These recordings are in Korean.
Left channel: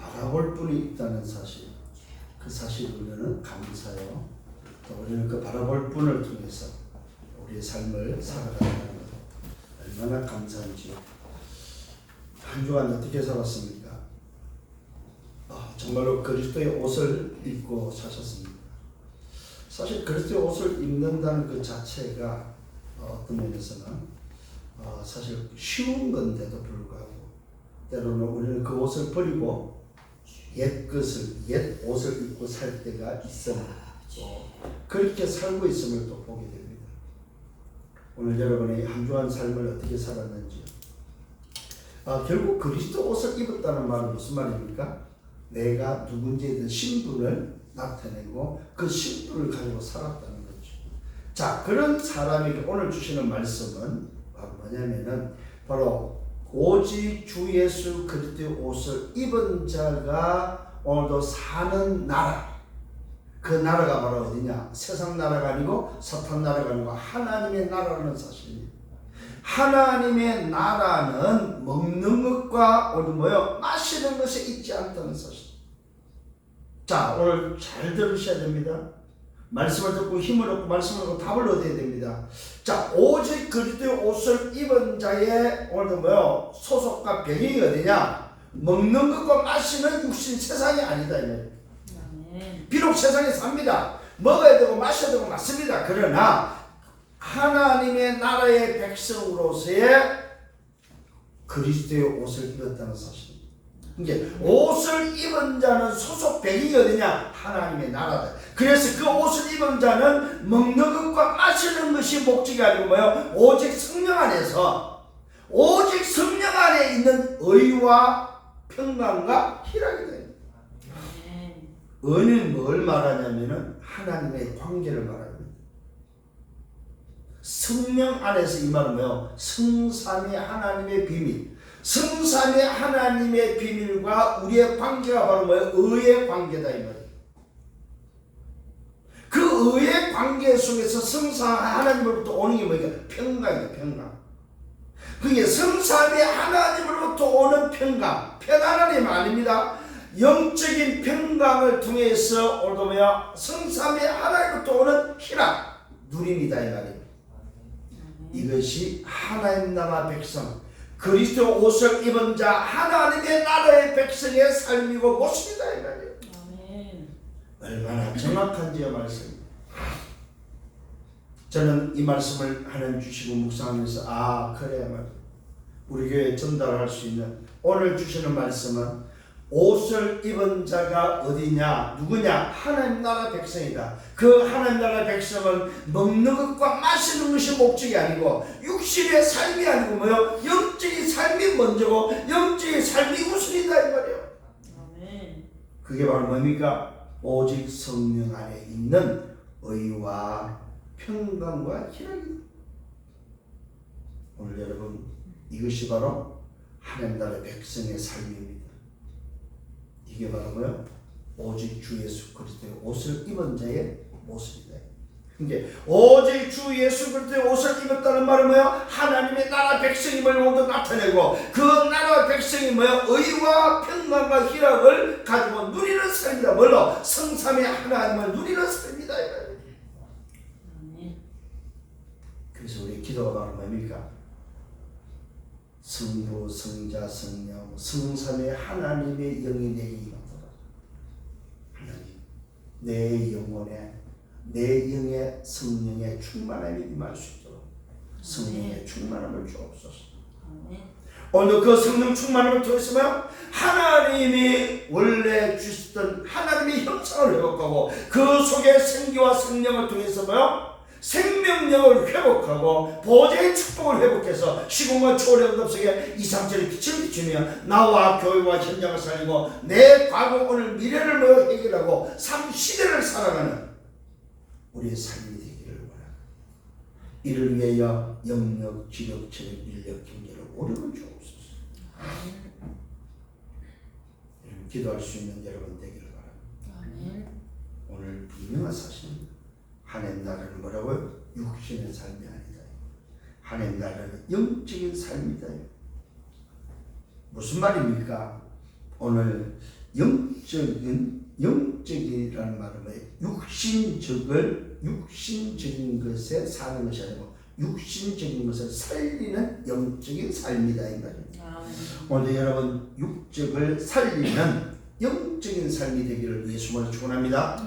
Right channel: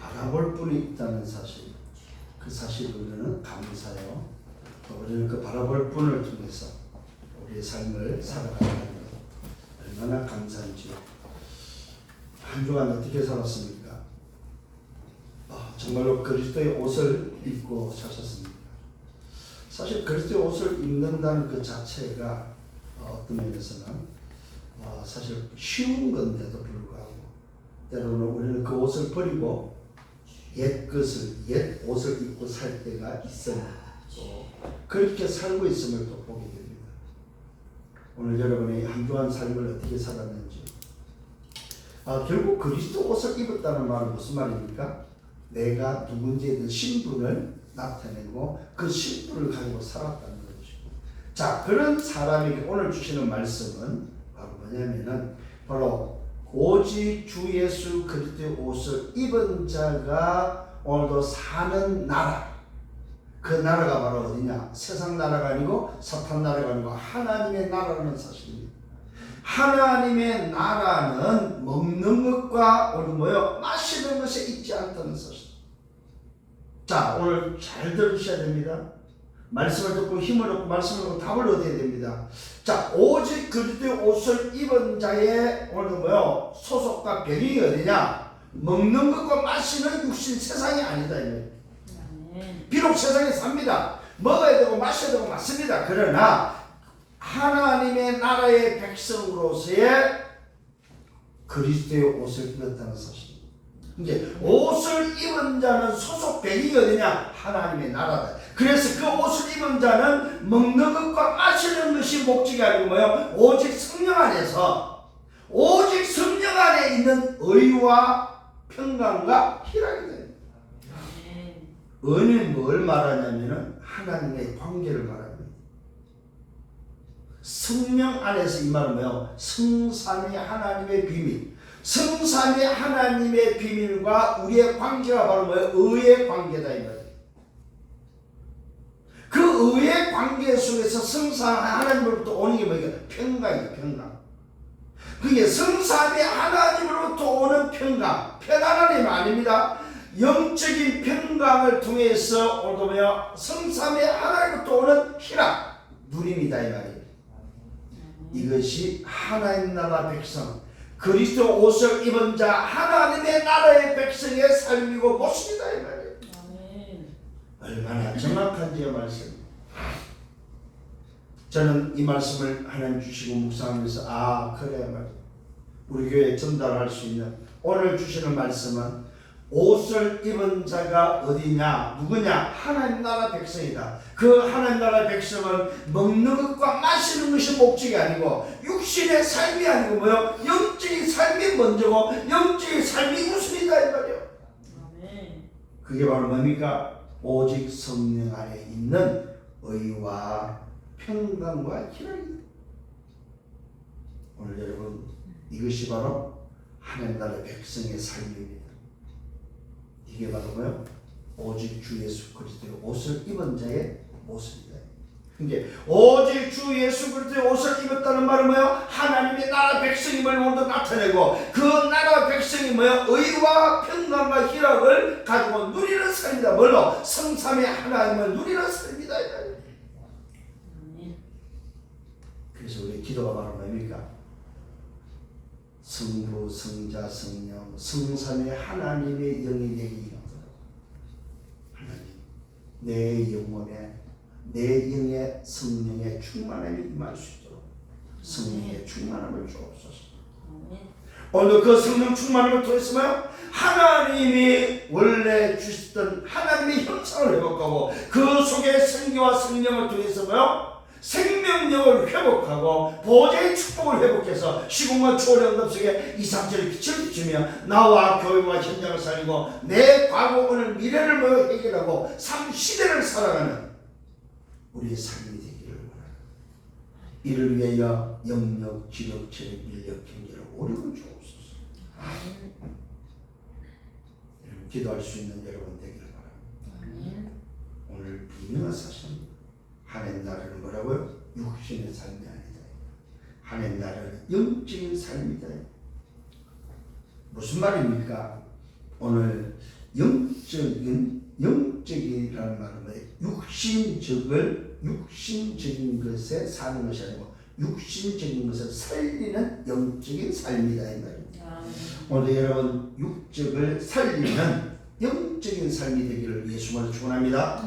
바라볼 분이 있다는 사실, 그 사실을 우리는 감사해요. 또 우리는 그 바라볼 분을 통해서 우리의 삶을 살아가는 것 얼마나 감사한지. 한 주간 어떻게 살았습니까? 정말로 그리스도의 옷을 입고 사셨습니다. 사실 그리스도의 옷을 입는다는 그 자체가 어떤 면에서는 사실 쉬운 건데도 불구하고 때로는 우리는 그 옷을 버리고 옛 옷을 입고 살 때가 있어요. 그렇게 살고 있음을 또 보게 됩니다. 오늘 여러분의 한 주한 삶을 어떻게 살았는지, 결국 그리스도 옷을 입었다는 말은 무슨 말입니까? 내가 누군지에 대한 신분을 나타내고 그 신분을 가지고 살았다는 거죠. 자, 그런 사람에게 오늘 주시는 말씀은 바로 뭐냐면은 바로 오직 주 예수 그리스도의 옷을 입은 자가 오늘도 사는 나라, 그 나라가 바로 어디냐? 세상 나라가 아니고 사탄 나라가 아니고 하나님의 나라라는 사실입니다. 하나님의 나라는 먹는 것과 오늘 마시는 것에 있지 않다는 사실. 자, 오늘 잘 들으셔야 됩니다. 말씀을 듣고 힘을 얻고 말씀을 듣고 답을 얻어야 됩니다. 자, 오직 그리스도의 옷을 입은 자의 오늘도 소속과 배경이 어디냐? 먹는 것과 마시는 육신 세상이 아니다. 비록 세상에 삽니다. 먹어야 되고 마셔야 되고 맞습니다. 그러나 하나님의 나라의 백성으로서의 그리스도의 옷을 입었다는 사실입니다. 이제 옷을 입은 자는 소속 배경이 어디냐? 하나님의 나라다. 그래서 그 옷을 입은 자는 먹는 것과 마시는 것이 목적이 아니고 오직 성령 안에서, 오직 성령 안에 있는 의와 평강과 희락이다. 의는 뭘 말하냐면은 하나님의 관계를 말합니다. 성령 안에서 이 말은 성삼위 하나님의 비밀. 성삼위 하나님의 비밀과 우리의 관계가 바로 의의 관계다 이 말이에요. 그 의의 관계 속에서 성삼위 하나님으로부터 오는 게 뭐냐? 평강이에요. 평강. 그게 성삼위 하나님으로부터 오는 평강, 편안함이 아닙니다. 영적인 평강을 통해서 오늘도 성삼위 하나님으로부터 오는 희락, 누림이다 이 말이에요. 이것이 하나님 나라 백성, 그리스도 옷을 입은 자 하나님의 나라의 백성의 삶이고 모습이다 이 말이에요. 얼마나 정확한지요 말씀. 저는 이 말씀을 하나님 주시고 묵상하면서 그래야 말이에요. 우리 교회에 전달할 수 있는 오늘 주시는 말씀은 옷을 입은 자가 어디냐? 누구냐? 하나님 나라 백성이다. 그 하나님 나라 백성은 먹는 것과 마시는 것이 목적이 아니고 육신의 삶이 아니고 영적인 삶이 먼저고 영적인 삶이 우선이다 이 말이에요. 그게 바로 뭡니까? 오직 성령 안에 있는 의와 평강과 희락입니다. 오늘 여러분, 이것이 바로 하나님 나라 백성의 삶입니다. 이게 바로 오직 주 예수 그리스도의 옷을 입은 자의 모습이다. 이게 오직 주 예수 그리스도의 옷을 입었다는 말은 하나님의 나라 백성임을 모두 나타내고 그 나라 백성이 의와 평강과 희락을 가지고 누리는 삶이다. 뭘로? 성삼위 하나님을 누리는 삶이다. 그래서 우리 기도가 바로 뭡니까? 성부, 성자, 성령, 성삼위 하나님의 영이 되기 하나님, 내 영혼에, 내 영의 성령의 충만함이 임할 수 있도록 성령의 충만함을 주옵소서. 오늘 그 성령 충만함을 통해서 하나님이 원래 주셨던 하나님의 형상을 회복하고 그 속에 생기와 성령을 통해서 생명력을 회복하고 보좌의 축복을 회복해서 시공과 초월의 응답 속에 이상철의 빛을 비추며 나와 교회와 현장을 살리고 내 과거 오늘 미래를 해결하고 삶 시대를 살아가는 우리의 삶이 되기를 원합니다. 이를 위하여 영력, 지력, 체력, 인력, 경제를 오르는 주옵소서. 기도할 수 있는 여러분 되기를 바랍니다. 오늘 분명한 사실입니다. 하나님 나라는 뭐라고요? 육신의 삶이 아니다. 하나님 나라는 영적인 삶이다. 무슨 말입니까? 오늘 영적이라는 말은 뭐예요? 육신적인 것에 사는 것이 아니고 육신적인 것을 살리는 영적인 삶이다 이 말입니다. 오늘 여러분 육적을 살리는 영적인 삶이 되기를 예수님으로 축원합니다.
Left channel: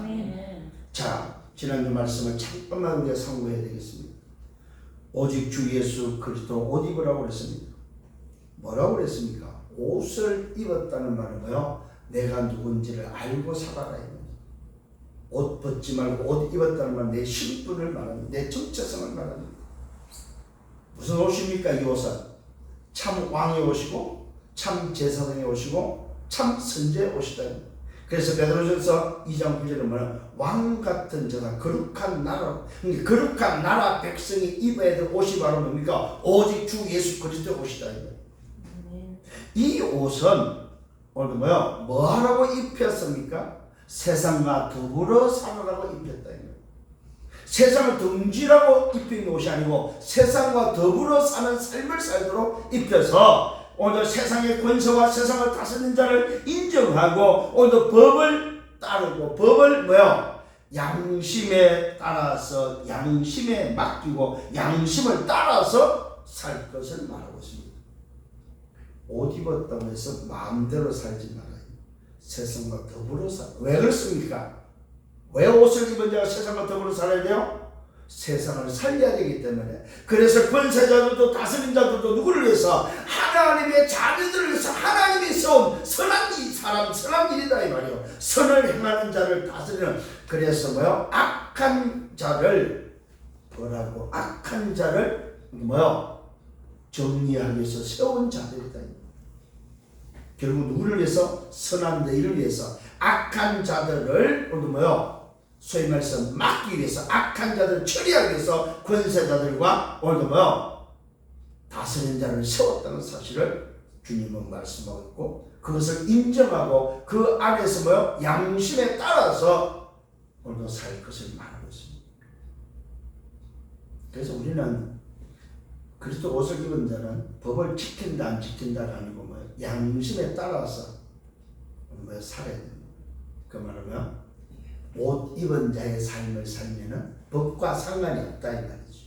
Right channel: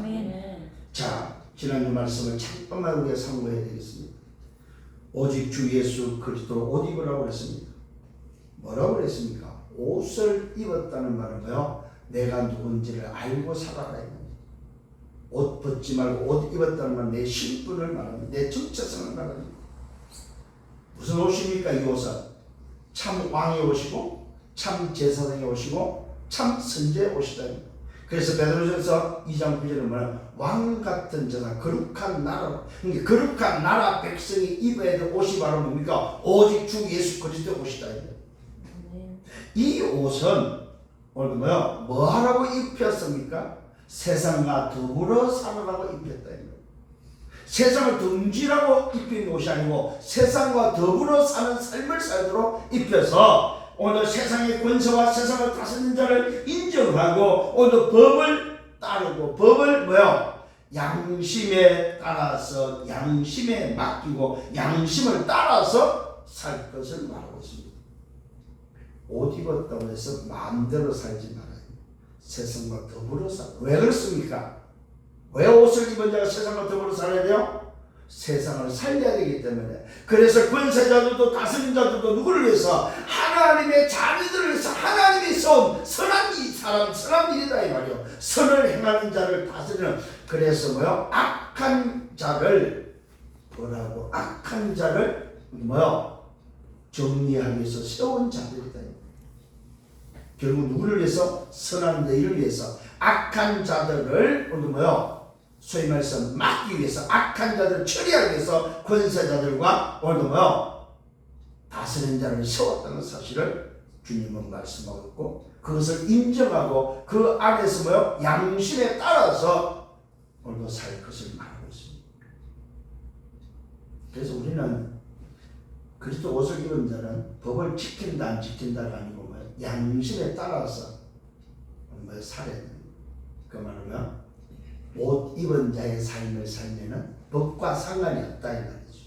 자, 지난주 말씀을 잠깐만 우리가 상고해야 되겠습니다. 오직 주 예수 그리스도 옷 입으라고 그랬습니다. 뭐라고 그랬습니까? 옷을 입었다는 말은 뭐요? 내가 누군지를 알고 살아라. 옷 벗지 말고 옷 입었다는 말은 내 신분을 말합니다. 내 정체성을 말합니다. 무슨 옷입니까? 이 옷은 참 왕의 옷이고 참 제사장의 옷이고 참 선지의 옷이다. 그래서 베드로전서 2장 9절에 뭐냐? 왕 같은 자가 거룩한 나라, 그러니까 거룩한 나라 백성이 입어야 될 옷이 바로 뭡니까? 오직 주 예수 그리스도의 옷이다. 이 옷은 오늘 뭐 하라고 입혔습니까? 세상과 더불어 살아라고 입혔다. 세상을 등지라고 입힌 옷이 아니고 세상과 더불어 사는 삶을 살도록 입혀서 오늘 세상의 권세와 세상을 다스리는 자를 인정하고 오늘 법을 따르고 법을 양심에 따라서 양심에 맡기고 양심을 따라서 살 것을 말하고 있습니다. 옷 입었다고 해서 마음대로 살지 말아요. 세상과 더불어 살아. 왜 그렇습니까? 왜 옷을 입은 자가 세상과 더불어 살아야 돼요? 세상을 살려야 되기 때문에. 그래서 권세자들도 다스린 자들도 누구를 위해서? 하나님의 자녀들을 위해서 하나님이 세운 선한 사람, 선한 일이다 이 말이요. 선을 행하는 자를 다스리는. 그래서 악한 자를 악한 자를 정리하기 위해서 세운 자들이다. 결국 누구를 위해서? 선한 너희를 위해서. 악한 자들을 소위 말해서 막기 위해서, 악한 자들을 처리하기 위해서 권세자들과 오늘도 다스린 자를 세웠다는 사실을 주님은 말씀하고 있고, 그것을 인정하고 그 안에서 양심에 따라서 오늘도 살 것을 말하고 있습니다. 그래서 우리는 그리스도 옷을 입은 자는 법을 지킨다 안 지킨다가 아니고 양심에 따라서 살아야 됩니다. 그 말은 옷 입은 자의 삶을 살면은 법과 상관이 없다 이 말이죠.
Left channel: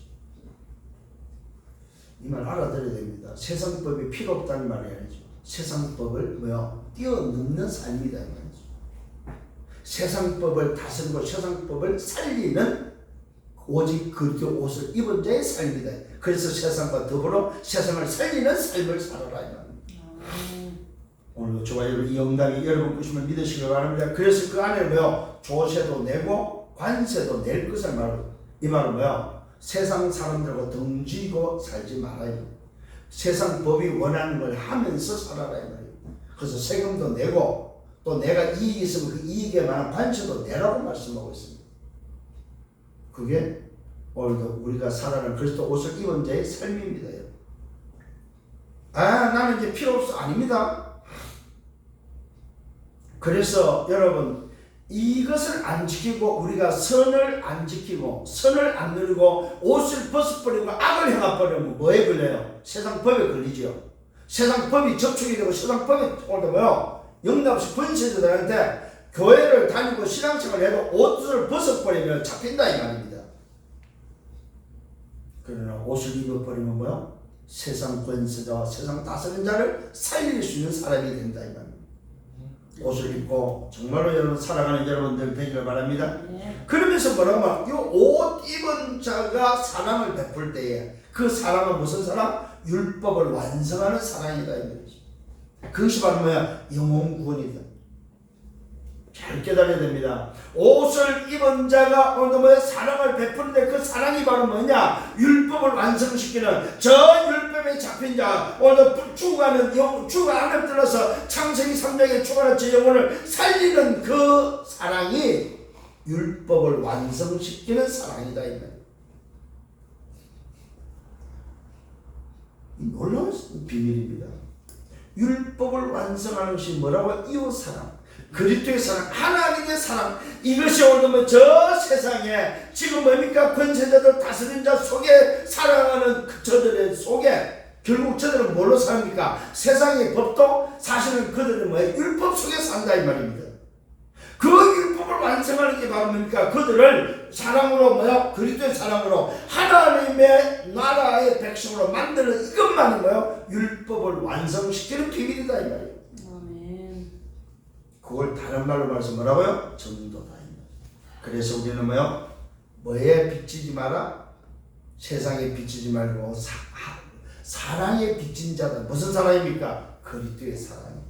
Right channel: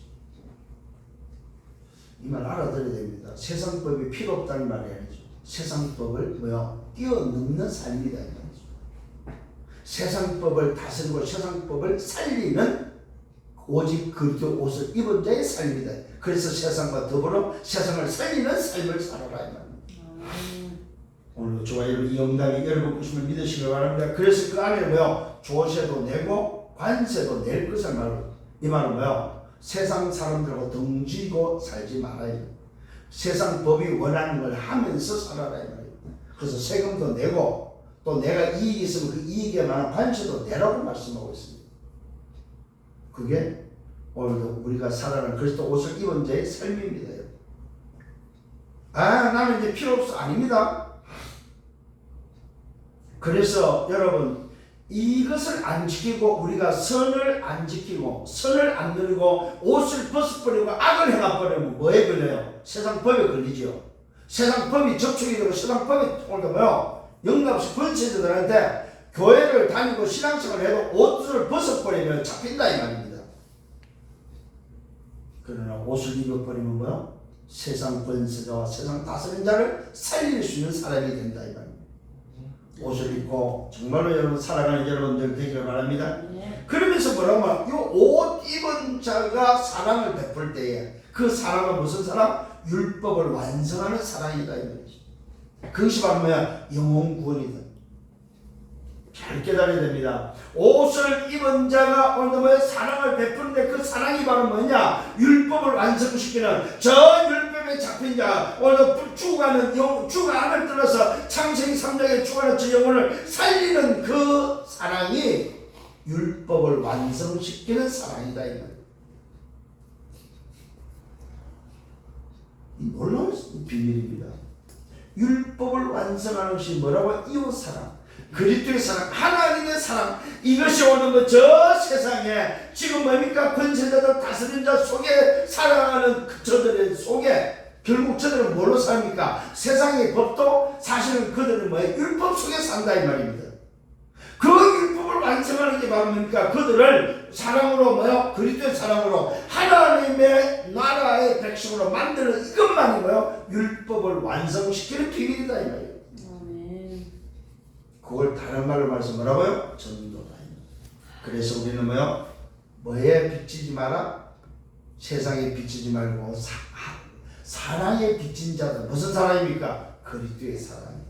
이 말 알아들어야 됩니다. 세상법이 필요 없다는 말이 아니죠. 세상법을 뛰어넘는 삶이다 이 말이죠. 세상법을 다스리고 세상법을 살리는 오직 그리스도 옷을 입은 자의 삶이다. 그래서 세상과 더불어 세상을 살리는 삶을 살아라 이 말입니다. 오늘도 저와 이 영광이 여러분 것임을 믿으시기 바랍니다. 그래서 그 안에 조세도 내고 관세도 낼 것을 말합니다. 이 말은 세상 사람들하고 등지고 살지 말아요. 세상 법이 원하는 걸 하면서 살아라 이 말이에요. 그래서 세금도 내고 또 내가 이익이 있으면 그 이익에 관한 관세도 내라고 말씀하고 있습니다. 그게 오늘도 우리가 살아가는 그리스도 옷을 입은 자의 삶입니다. 나는 이제 필요 없어. 아닙니다. 그래서 여러분 이것을 안 지키고 우리가 선을 안 지키고 선을 안 누리고 옷을 벗어버리고 악을 행해버리면 뭐에 걸려요? 세상 법에 걸리죠. 세상 법이 접촉이 되고 세상 법이 오늘도 영납시 권세자들한테 교회를 다니고 신앙생활을 해도 옷을 벗어버리면 잡힌다 이 말입니다. 그러나 옷을 입어버리면 세상 권세자와 세상 다스리는 자를 살릴 수 있는 사람이 된다 이 말입니다. 옷을 입고 정말로 여러분 사랑하는 여러분들 되기를 바랍니다. 그러면서 뭐라고 이 옷 입은 자가 사랑을 베풀 때에 그 사랑은 무슨 사랑? 율법을 완성하는 사랑이다 이 말이죠. 그것이 바로 영혼 구원이다. 잘 깨달아야 됩니다. 옷을 입은 자가 오늘 사랑을 베푸는데 그 사랑이 바로 뭐냐? 율법을 완성시키는 저 율법에 잡힌 자, 오늘 죽어가는 주가 안을 들어서 창세기 3장에 죽어가는 저 영혼을 살리는 그 사랑이 율법을 완성시키는 사랑이다 이 말이에요. 이 놀라운 비밀입니다. 율법을 완성하는 것이 뭐라고? 이웃사랑, 그리스도의 사랑, 하나님의 사랑. 이것이 오늘 저 세상에 지금 뭡니까? 권세자들 다스린 자 속에 살아가는 저들의 속에 결국 저들은 뭘로 삽니까? 세상의 법도 사실은 그들은 뭐예요? 율법 속에 산다 이 말입니다. 그 율법을 완성하는 게 바로 뭡니까? 그들을 사랑으로 뭐요? 그리스도의 사랑으로 하나님의 나라의 백성으로 만드는 이것만이 뭐요? 율법을 완성시키는 비밀이다 이 말이에요. 아멘. 그걸 다른 말로 말해서 뭐라고요? 전도다. 그래서 우리는 뭐요? 뭐에 비치지 마라? 세상에 비치지 말고 사랑에 비친 자들. 무슨 사랑입니까? 그리스도의 사랑.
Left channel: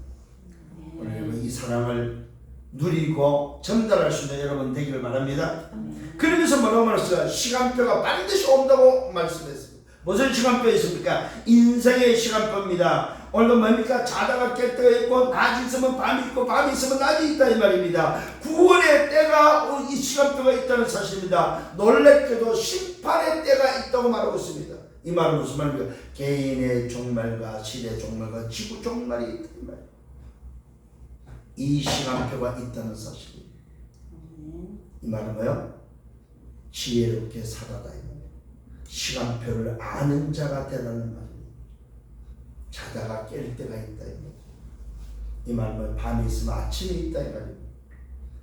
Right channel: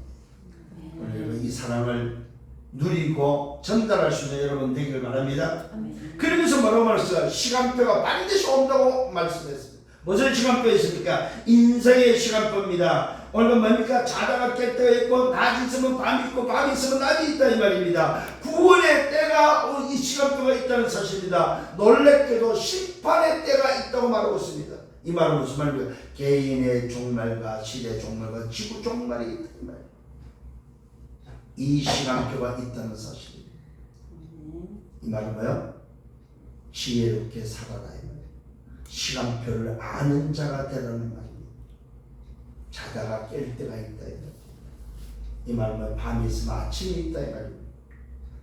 오늘 이 사랑을 누리고 전달할 수 있는 여러분 되기를 바랍니다. 그러면서 뭐라고 말했어요? 시간표가 반드시 온다고 말씀했습니다. 무슨 시간표 있습니까? 인생의 시간표입니다. 오늘은 뭡니까? 자다가 깰 때가 있고 낮이 있으면 밤이 있고 밤이 있으면 낮이 있다 이 말입니다. 구원의 때가 이 시간표가 있다는 사실입니다. 놀랍게도 심판의 때가 있다고 말하고 있습니다. 이 말은 무슨 말입니까? 개인의 종말과 시대 종말과 지구 종말이 있다 이 말입니다. 이 시간표가 있다는 사실입니다. 이 말은 뭐예요? 지혜롭게 살아라 이 말이에요. 시간표를 아는 자가 되라는 말입니다. 자다가 깰 때가 있다 이 말이에요. 이 말은 밤이 있으면 아침이 있다 이 말입니다.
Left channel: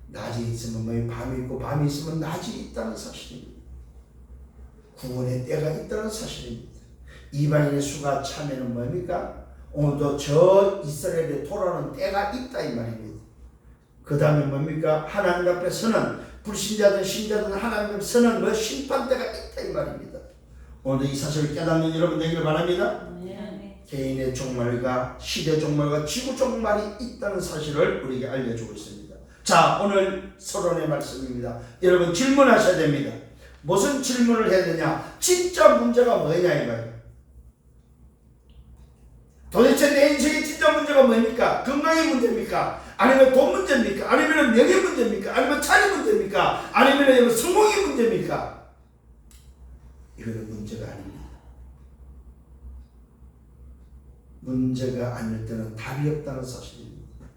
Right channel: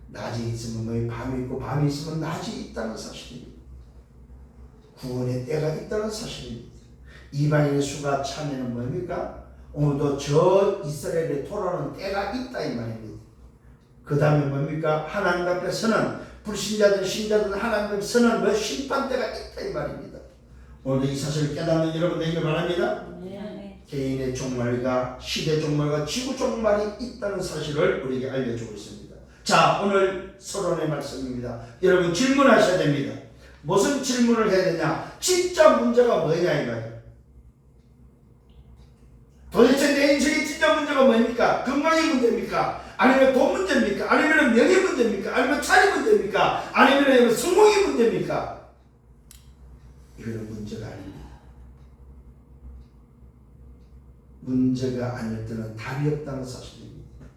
낮이 있으면 뭐 밤이 있고 밤이 있으면 낮이 있다는 사실입니다. 구원의 때가 있다는 사실입니다. 이방인의 수가 차면은 뭡니까? 오늘도 저 이스라엘에 돌아오는 때가 있다 이 말입니다. 그 다음에 뭡니까? 하나님 앞에 서는 불신자든 신자든 하나님 앞에 서는 뭐 심판 때가 있다 이 말입니다. 오늘 이 사실을 깨닫는 여러분 되기를 바랍니다. 개인의 종말과 시대 종말과 지구 종말이 있다는 사실을 우리에게 알려주고 있습니다. 자, 오늘 서론의 말씀입니다. 여러분 질문하셔야 됩니다. 무슨 질문을 해야 되냐? 진짜 문제가 뭐냐 이거예요. 도대체 내 인생의 진짜 문제가 뭡니까? 건강의 문제입니까? 아니면 돈 문제입니까? 아니면 명예 문제입니까? 아니면 차리 문제입니까? 아니면 성공의 문제입니까? 이거는 문제가 아닙니다. 문제가 아닐 때는 답이 없다는 사실입니다.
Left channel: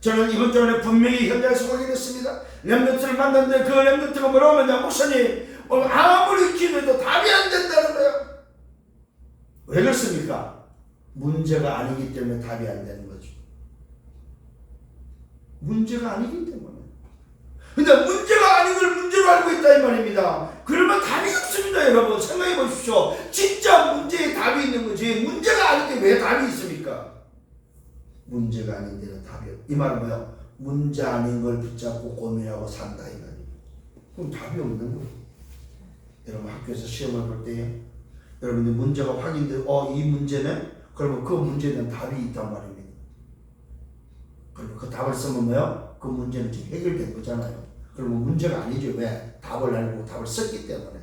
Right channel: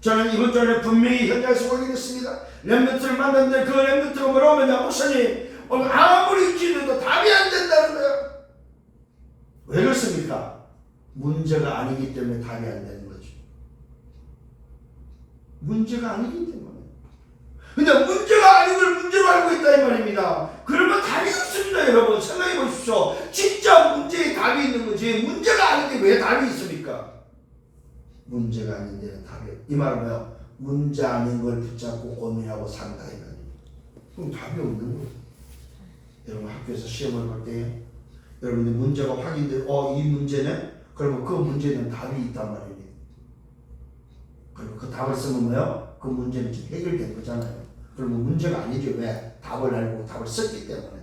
저는 이번 주에 분명히 현장에서 확인했습니다. 렘넌트를 만났는데 그 렘넌트가 뭐라고 하냐? 목사님 오늘 아무리 기도해도 답이 안 된다는 거예요. 왜 그렇습니까? 문제가 아니기 때문에 답이 안 되는 거죠. 문제가 아니기 때문에. 근데 문제가 아닌 걸 문제로 알고 있다 이 말입니다. 그러면 답이 없습니다. 여러분 생각해 보십시오. 진짜 문제에 답이 있는 거지 문제가 아닌데 왜 답이 있습니까? 문제가 아닌 데는 답이 없다. 이 말은 뭐예요? 문제 아닌 걸 붙잡고 고민하고 산다 이 말이에요. 그럼 답이 없는 거예요. 여러분 학교에서 시험을 볼 때에 여러분들 문제가 확인돼 이 문제는 그러면 그 문제에 대한 답이 있단 말입니다. 그리고 그 답을 쓰면 뭐예요? 그 문제는 지금 해결된 거잖아요. 그러면 문제가 아니죠. 왜? 답을 알고 답을 썼기 때문에.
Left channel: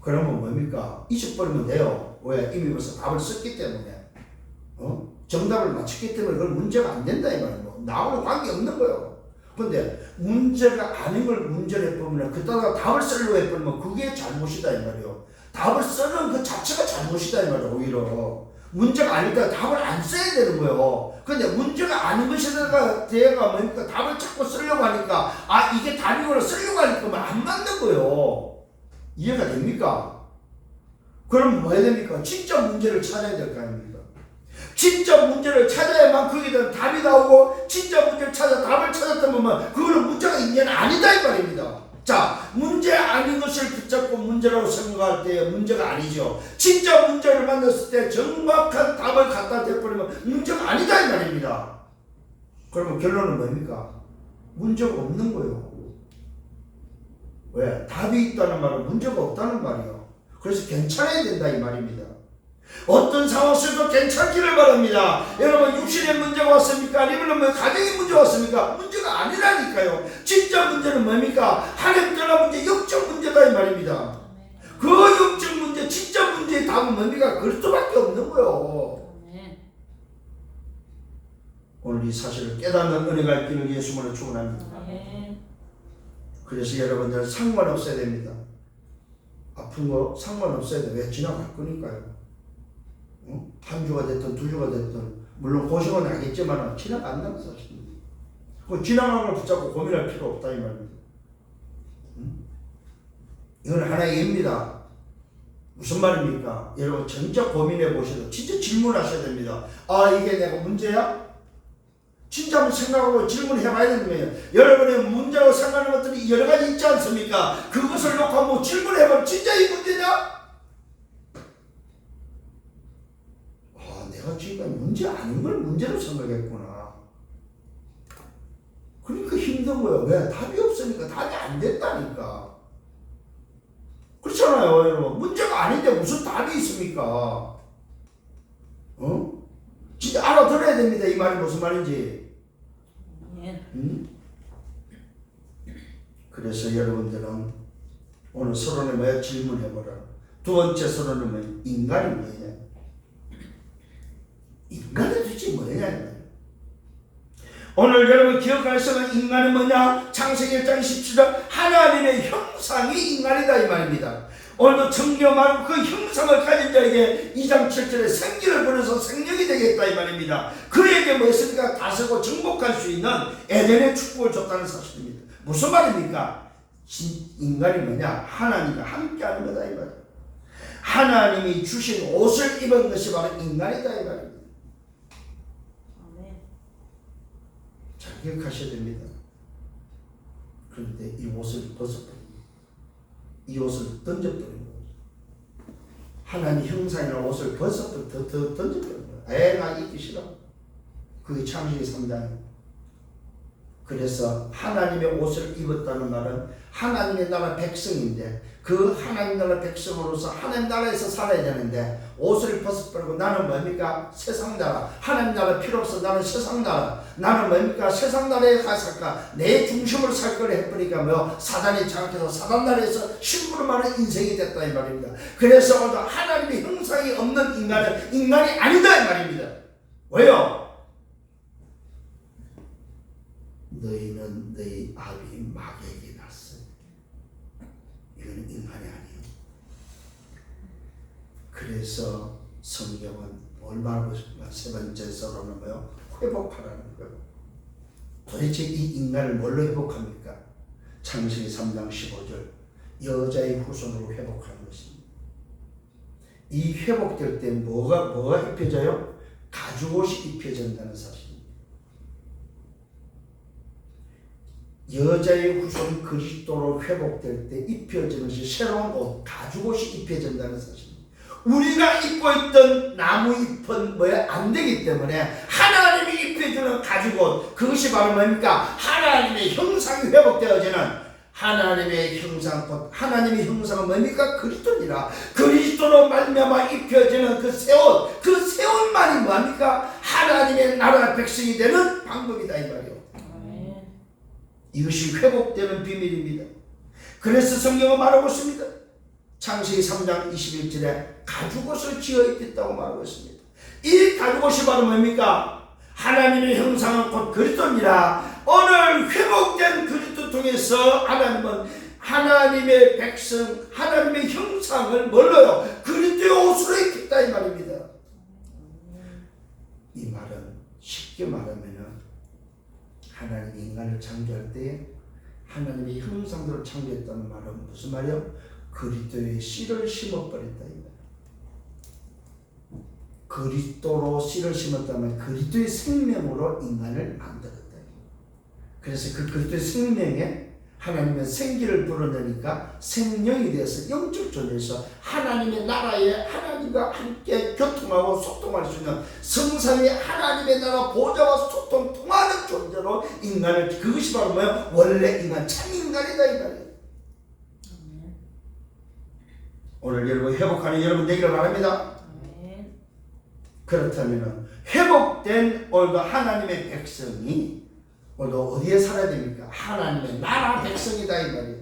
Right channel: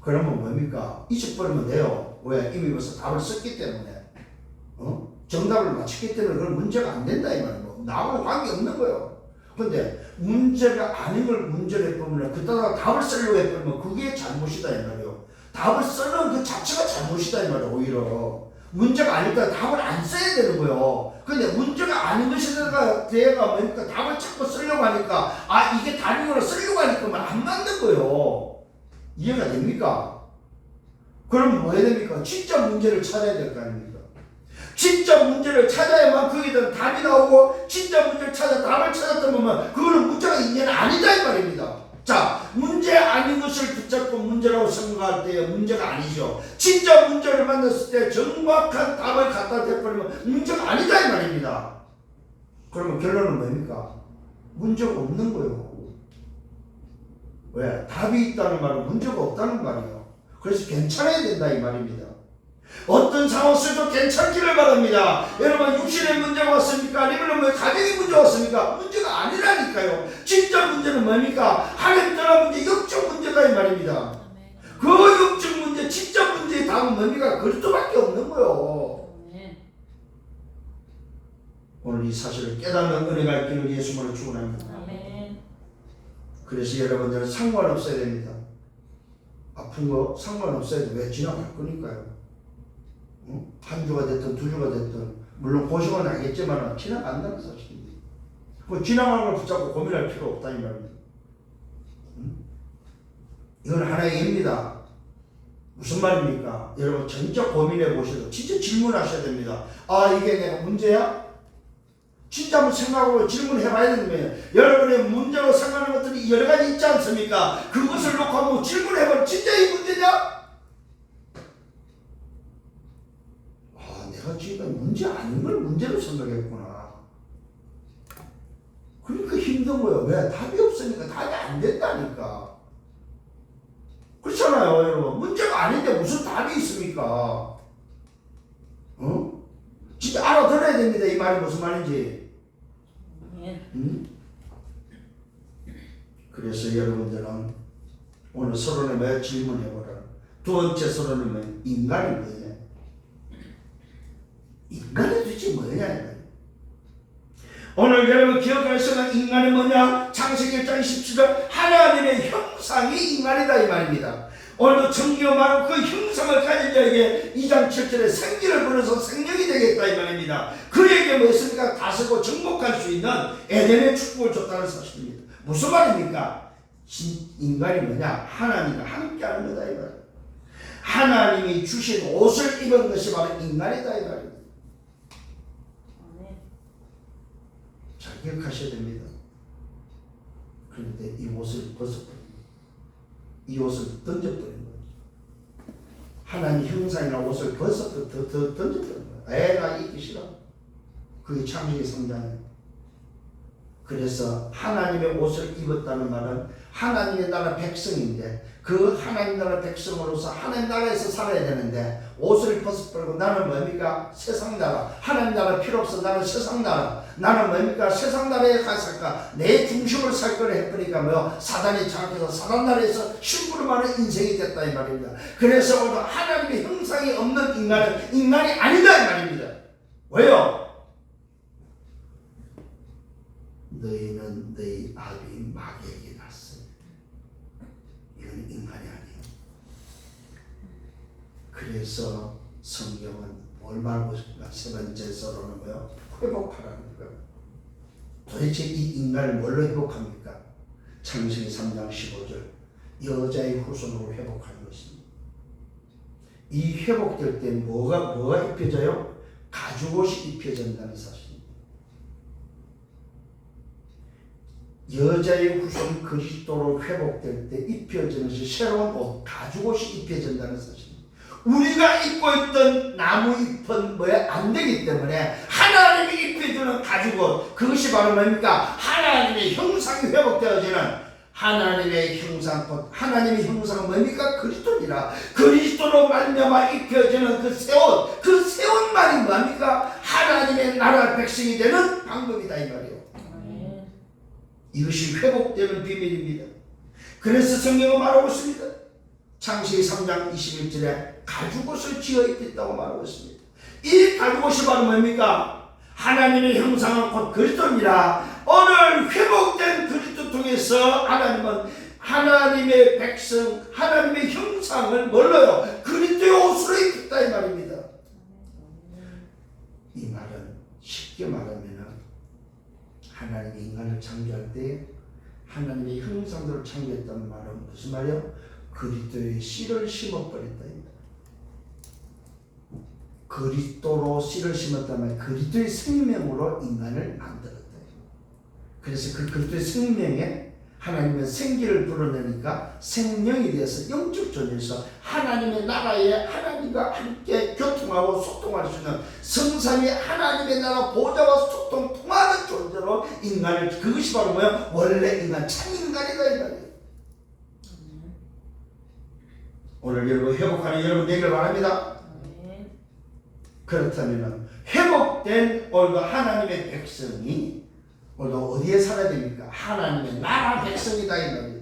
그러면 뭡니까? 잊어버리면 돼요. 왜? 이미 벌써 답을 썼기 때문에. 정답을 맞췄기 때문에 그건 문제가 안 된다 이 말이에요. 나하고는 관계없는 거예요. 근데 문제가 아닌 걸 문제로 해보면 그따가 답을 쓰려고 해보면 그게 잘못이다 이 말이에요. 답을 쓰는 그 자체가 잘못이다 이 말이에요. 오히려 문제가 아니니까 답을 안 써야 되는 거예요. 근데 문제가 아닌 것에다가 대가 뭡니까? 답을 자꾸 쓰려고 하니까 이게 답이구나 쓰려고 하니까 안 맞는 거예요. 이해가 됩니까? 그럼 뭐 해야 됩니까? 진짜 문제를 찾아야 될 거 아닙니까? 진짜 문제를 찾아야만 거기에 대한 답이 나오고 진짜 문제를 찾아 답을 찾았다 보면 그거는 문제가 있냐는 아니다 이 말입니다. 자, 문제 아닌 것을 붙잡고 문제라고 생각할 때 문제가 아니죠. 진짜 문제를 만났을 때 정확한 답을 갖다 대버리면 문제가 아니다 이 말입니다. 그러면 결론은 뭡니까? 문제가 없는 거예요. 왜? 답이 있다는 말은 문제가 없다는 말이에요. 그래서 괜찮아야 된다 이 말입니다. 어떤 상황 속에도 괜찮기를 바랍니다. 여러분 육신의 문제가 왔습니까? 아니면 뭐 가정의 문제가 왔습니까? 문제가 아니라니까요. 진짜 문제는 뭡니까? 하나님 떠난 문제, 영적 문제다 이 말입니다. 그 영적 문제, 진짜 문제의 답은 뭡니까? 그리스도밖에 없는 거예요. 오늘 이 사실을 깨닫는 은혜가 있기를 예수님으로 축원합니다. 그래서 여러분들 상관없어야 됩니다. 아픈 거 상관없어야 돼. 왜? 지나갈 거니까요. 한 주가 됐든 두 주가 됐든 물론 고생은 하겠지만 지나간다는 사실입니다. 그 지나가는 걸 붙잡고 고민할 필요 없다 이 말입니다. 이건 하나의 예입니다. 무슨 말입니까? 여러분 진짜 고민해 보셔도 진짜 질문하셔야 됩니다. 아, 이게 내가 문제야? 진짜 한번 생각하고 질문해 봐야 되는 거예요. 여러분의 문제로 생각하는 것들이 여러 가지 있지 않습니까? 그것을 놓고 한번 질문해 보면 진짜 이 문제냐? 아, 내가 지금 문제 아닌 걸 문제로 생각했구나. 그러니까 힘든 거예요. 왜? 답이 없으니까. 답이 안 됐다니까. 그렇잖아요, 여러분. 문제가 아닌데 무슨 답이 있습니까? 어? 진짜 알아들어야 됩니다. 이 말이 무슨 말인지. 응? 그래서 여러분들은 오늘 서론에 뭐야? 질문해보라. 두 번째 서론은 뭐야? 인간이 뭐냐? 인간이 도대체 뭐냐? 오늘 여러분 기억하시면 인간은 뭐냐? 창세기 1장 17절 하나님의 형상이 인간이다 이 말입니다. 오늘 성경 말은 그 형상을 가진 자에게 2장 7절에 생기를 부려서 생명이 되겠다 이 말입니다. 그에게 무엇입니까? 다스리고 정복할 수 있는 에덴의 축복을 줬다는 사실입니다. 무슨 말입니까? 인간이 뭐냐? 하나님과 함께하는 거다 이 말입니다. 하나님이 주신 옷을 입은 것이 바로 인간이다 이 말입니다. 잘 기억하셔야 됩니다. 그런데 이 옷을 벗어버립니다. 이 옷을 던져버린 거예요. 하나님 형상이나 옷을 던져버린 거예요. 나 입기 싫어. 그게 창세기 3장이에요. 그래서 하나님의 옷을 입었다는 말은 하나님의 나라 백성인데 그 하나님 나라 백성으로서 하나님 나라에서 살아야 되는데 옷을 벗어버리고 나는 뭡니까? 세상 나라. 하나님 나라 필요 없어. 나는 세상 나라. 나는 뭡니까? 세상 나라에 가살까? 내 중심으로 살 거를 해버리니까 뭐 사단이 장악해서 사단 나라에서 심부름하는 인생이 됐다 이 말입니다. 그래서 오늘 하나님의 형상이 없는 인간은 인간이 아니다 이 말입니다. 왜요? 너희는 너희 아비 마귀에게 났어요. 이건 인간이 아니에요. 그래서 성경은 뭘 말하고 싶은가? 세 번째 서론은 뭐요? 회복하라는 거예요. 도대체 이 인간을 뭘로 회복합니까? 창세기 3장 15절 여자의 후손으로 회복하는 것입니다. 이 회복될 때 뭐가 입혀져요? 가죽옷이 입혀진다는 사실입니다. 여자의 후손 그리스도로 회복될 때 입혀지는 것이 새로운 옷, 가죽옷이 입혀진다는 사실입니다. 우리가 입고 있던 나무 잎은 안 되기 때문에 하나님이 입혀주는 가죽옷, 그것이 바로 뭡니까? 하나님의 형상이 회복되어지는 하나님의 형상, 하나님의 형상은 뭡니까? 그리스도니라. 그리스도로 말미암아 입혀지는 그 새 옷, 그 새 옷만이 뭡니까? 하나님의 나라 백성이 되는 방법이다 이 말이에요. 이것이 회복되는 비밀입니다. 그래서 성경은 말하고 있습니다. 창세기 3장 21절에 가죽옷을 지어 입혔다고 말하고 있습니다. 이 가죽옷이 바로 뭡니까? 하나님의 형상은 곧 그리스도니라. 오늘 회복된 그리스도 통해서 하나님은 하나님의 백성, 하나님의 형상을 뭘로요? 그리스도의 옷으로 입혔다 이 말입니다. 이 말은 쉽게 말하면 하나님이 인간을 창조할 때 하나님의 형상대로 창조했다는 말은 무슨 말이요? 그리스도의 씨를 심어버렸다. 그리스도로 씨를 심었다면 그리스도의 생명으로 인간을 만들었다. 그래서 그 그리스도의 생명에 하나님의 생기를 불어내니까 생명이 되어서 영적 존재에서 하나님의 나라에 하나님과 함께 교통하고 소통할 수 있는 성삼위 하나님의 나라 보좌와 소통 통하는 존재로 인간을, 그것이 바로 뭐야? 원래 인간 참 인간이다 이 말이에요. 오늘 여러분 회복하는 여러분 되기를 바랍니다. 그렇다면 회복된 오늘도 하나님의 백성이 오늘도 어디에 살아야 됩니까? 하나님의 나라 백성이다 이 말이에요.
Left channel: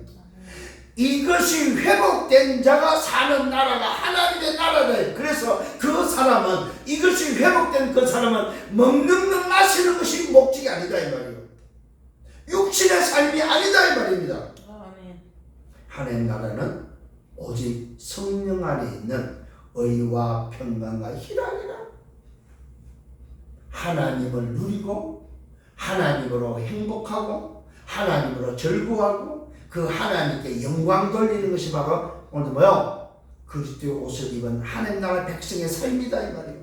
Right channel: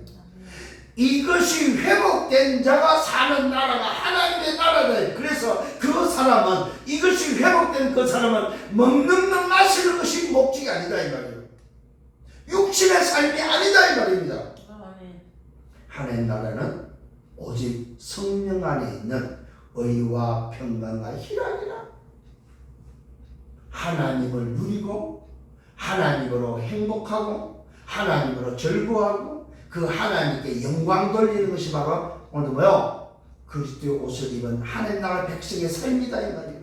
이것이 회복된 자가 사는 나라가 하나님의 나라다. 그래서 그 사람은, 이것이 회복된 그 사람은 먹는 것 마시는 것이 목적이 아니다 이 말이에요. 육신의 삶이 아니다 이 말입니다. 하나님의 나라는 오직 성령 안에 있는 의와 평강과 희락이라. 하나님을 누리고 하나님으로 행복하고 하나님으로 즐거워하고 그 하나님께 영광 돌리는 것이 바로 오늘 뭐요? 그리스도의 옷을 입은 하나님 나라 백성의 삶이다 이 말이에요.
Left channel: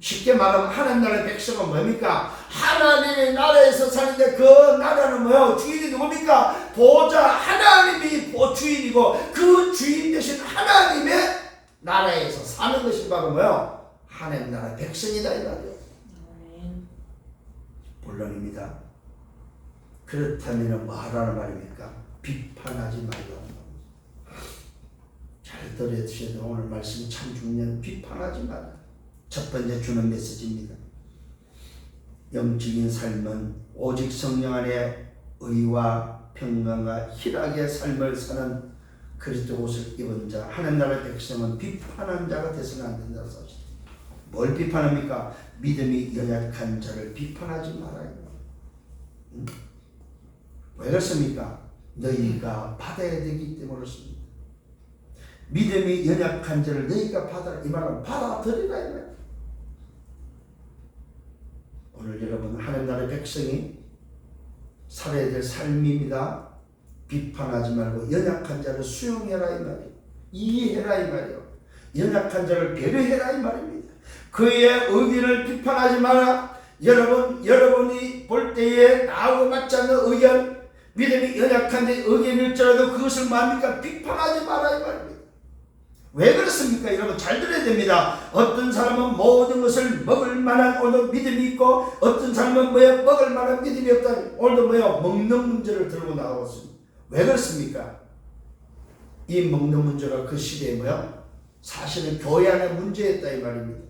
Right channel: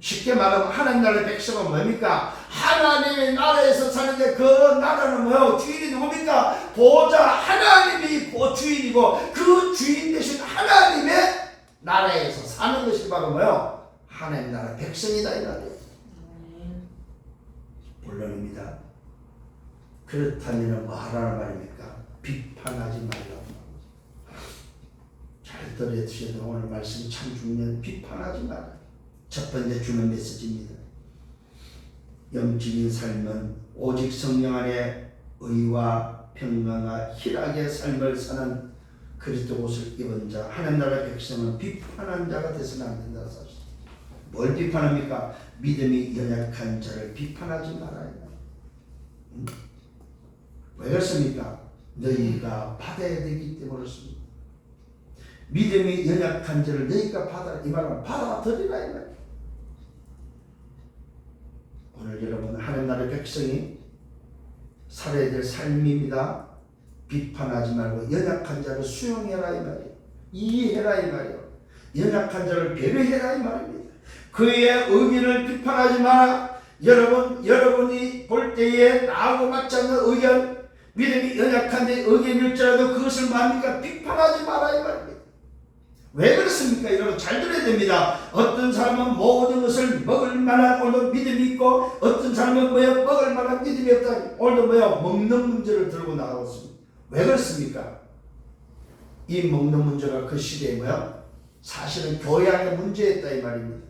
쉽게 말하면 하나님 나라의 백성은 뭡니까? 하나님의 나라에서 사는데 그 나라는 뭐요? 주인이 누굽니까? 보좌 하나님이 주인이고 그 주인 되신 하나님의 나라에서 사는 것이 바로 뭐요? 하나님 나라 백성이다 이 말이에요. 본론입니다. 그렇다면 뭐 하라는 말입니까? 비판하지 말라는 말이죠. 잘 들어주셔야 돼요. 오늘 말씀이 참 중요한 비판하지 말라. 첫 번째 주는 메시지입니다. 영적인 삶은 오직 성령 안에 의와 평강과 희락의 삶을 사는 그리스도 옷을 입은 자 하나님 나라의 백성은 비판한 자가 되서는 안 된다는 사실. 뭘 비판합니까? 믿음이 연약한 자를 비판하지 말아요. 왜 그렇습니까? 너희가 받아야 되기 때문에 그렇습니다. 믿음이 연약한 자를 너희가 받아라. 이 말은 받아들이라 이 말. 오늘 여러분 하나님 나라의 백성이 살아야 될 삶입니다. 비판하지 말고 연약한 자를 수용해라 이 말이에요. 이해해라 이 말이에요. 연약한 자를 배려해라 이 말입니다. 그의 의견을 비판하지 마라. 여러분이 볼 때에 나하고 맞지 않는 의견, 믿음이 연약한 데 의견일지라도 그것을 뭡니까? 비판하지 마라 이 말입니다. 왜 그렇습니까? 여러분 잘 들어야 됩니다. 어떤 사람은 모든 것을 먹을 만한 오늘 믿음이 있고 어떤 사람은 뭐야 먹을 만한 믿음이 없다. 오늘도 뭐야 먹는 문제를 들고 나가고 있습니다. 왜 그렇습니까? 이 먹는 문제가 그 시대에 뭐야? 사실은 교회 안에 문제였다 이 말입니다.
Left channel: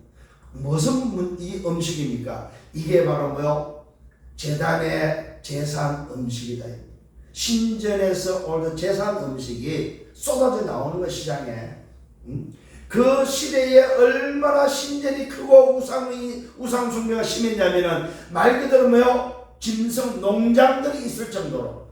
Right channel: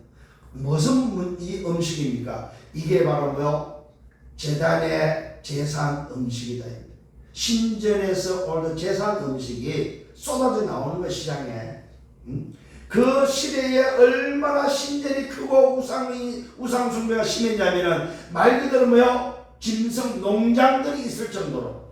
무슨 이 음식입니까? 이게 바로 뭐요? 제단의 제산 음식이다. 신전에서 오늘 제산 음식이 쏟아져 나오는 거 시장에. 그 시대에 얼마나 신전이 크고 우상 숭배가 심했냐면은 말 그대로 뭐요? 짐승 농장들이 있을 정도로.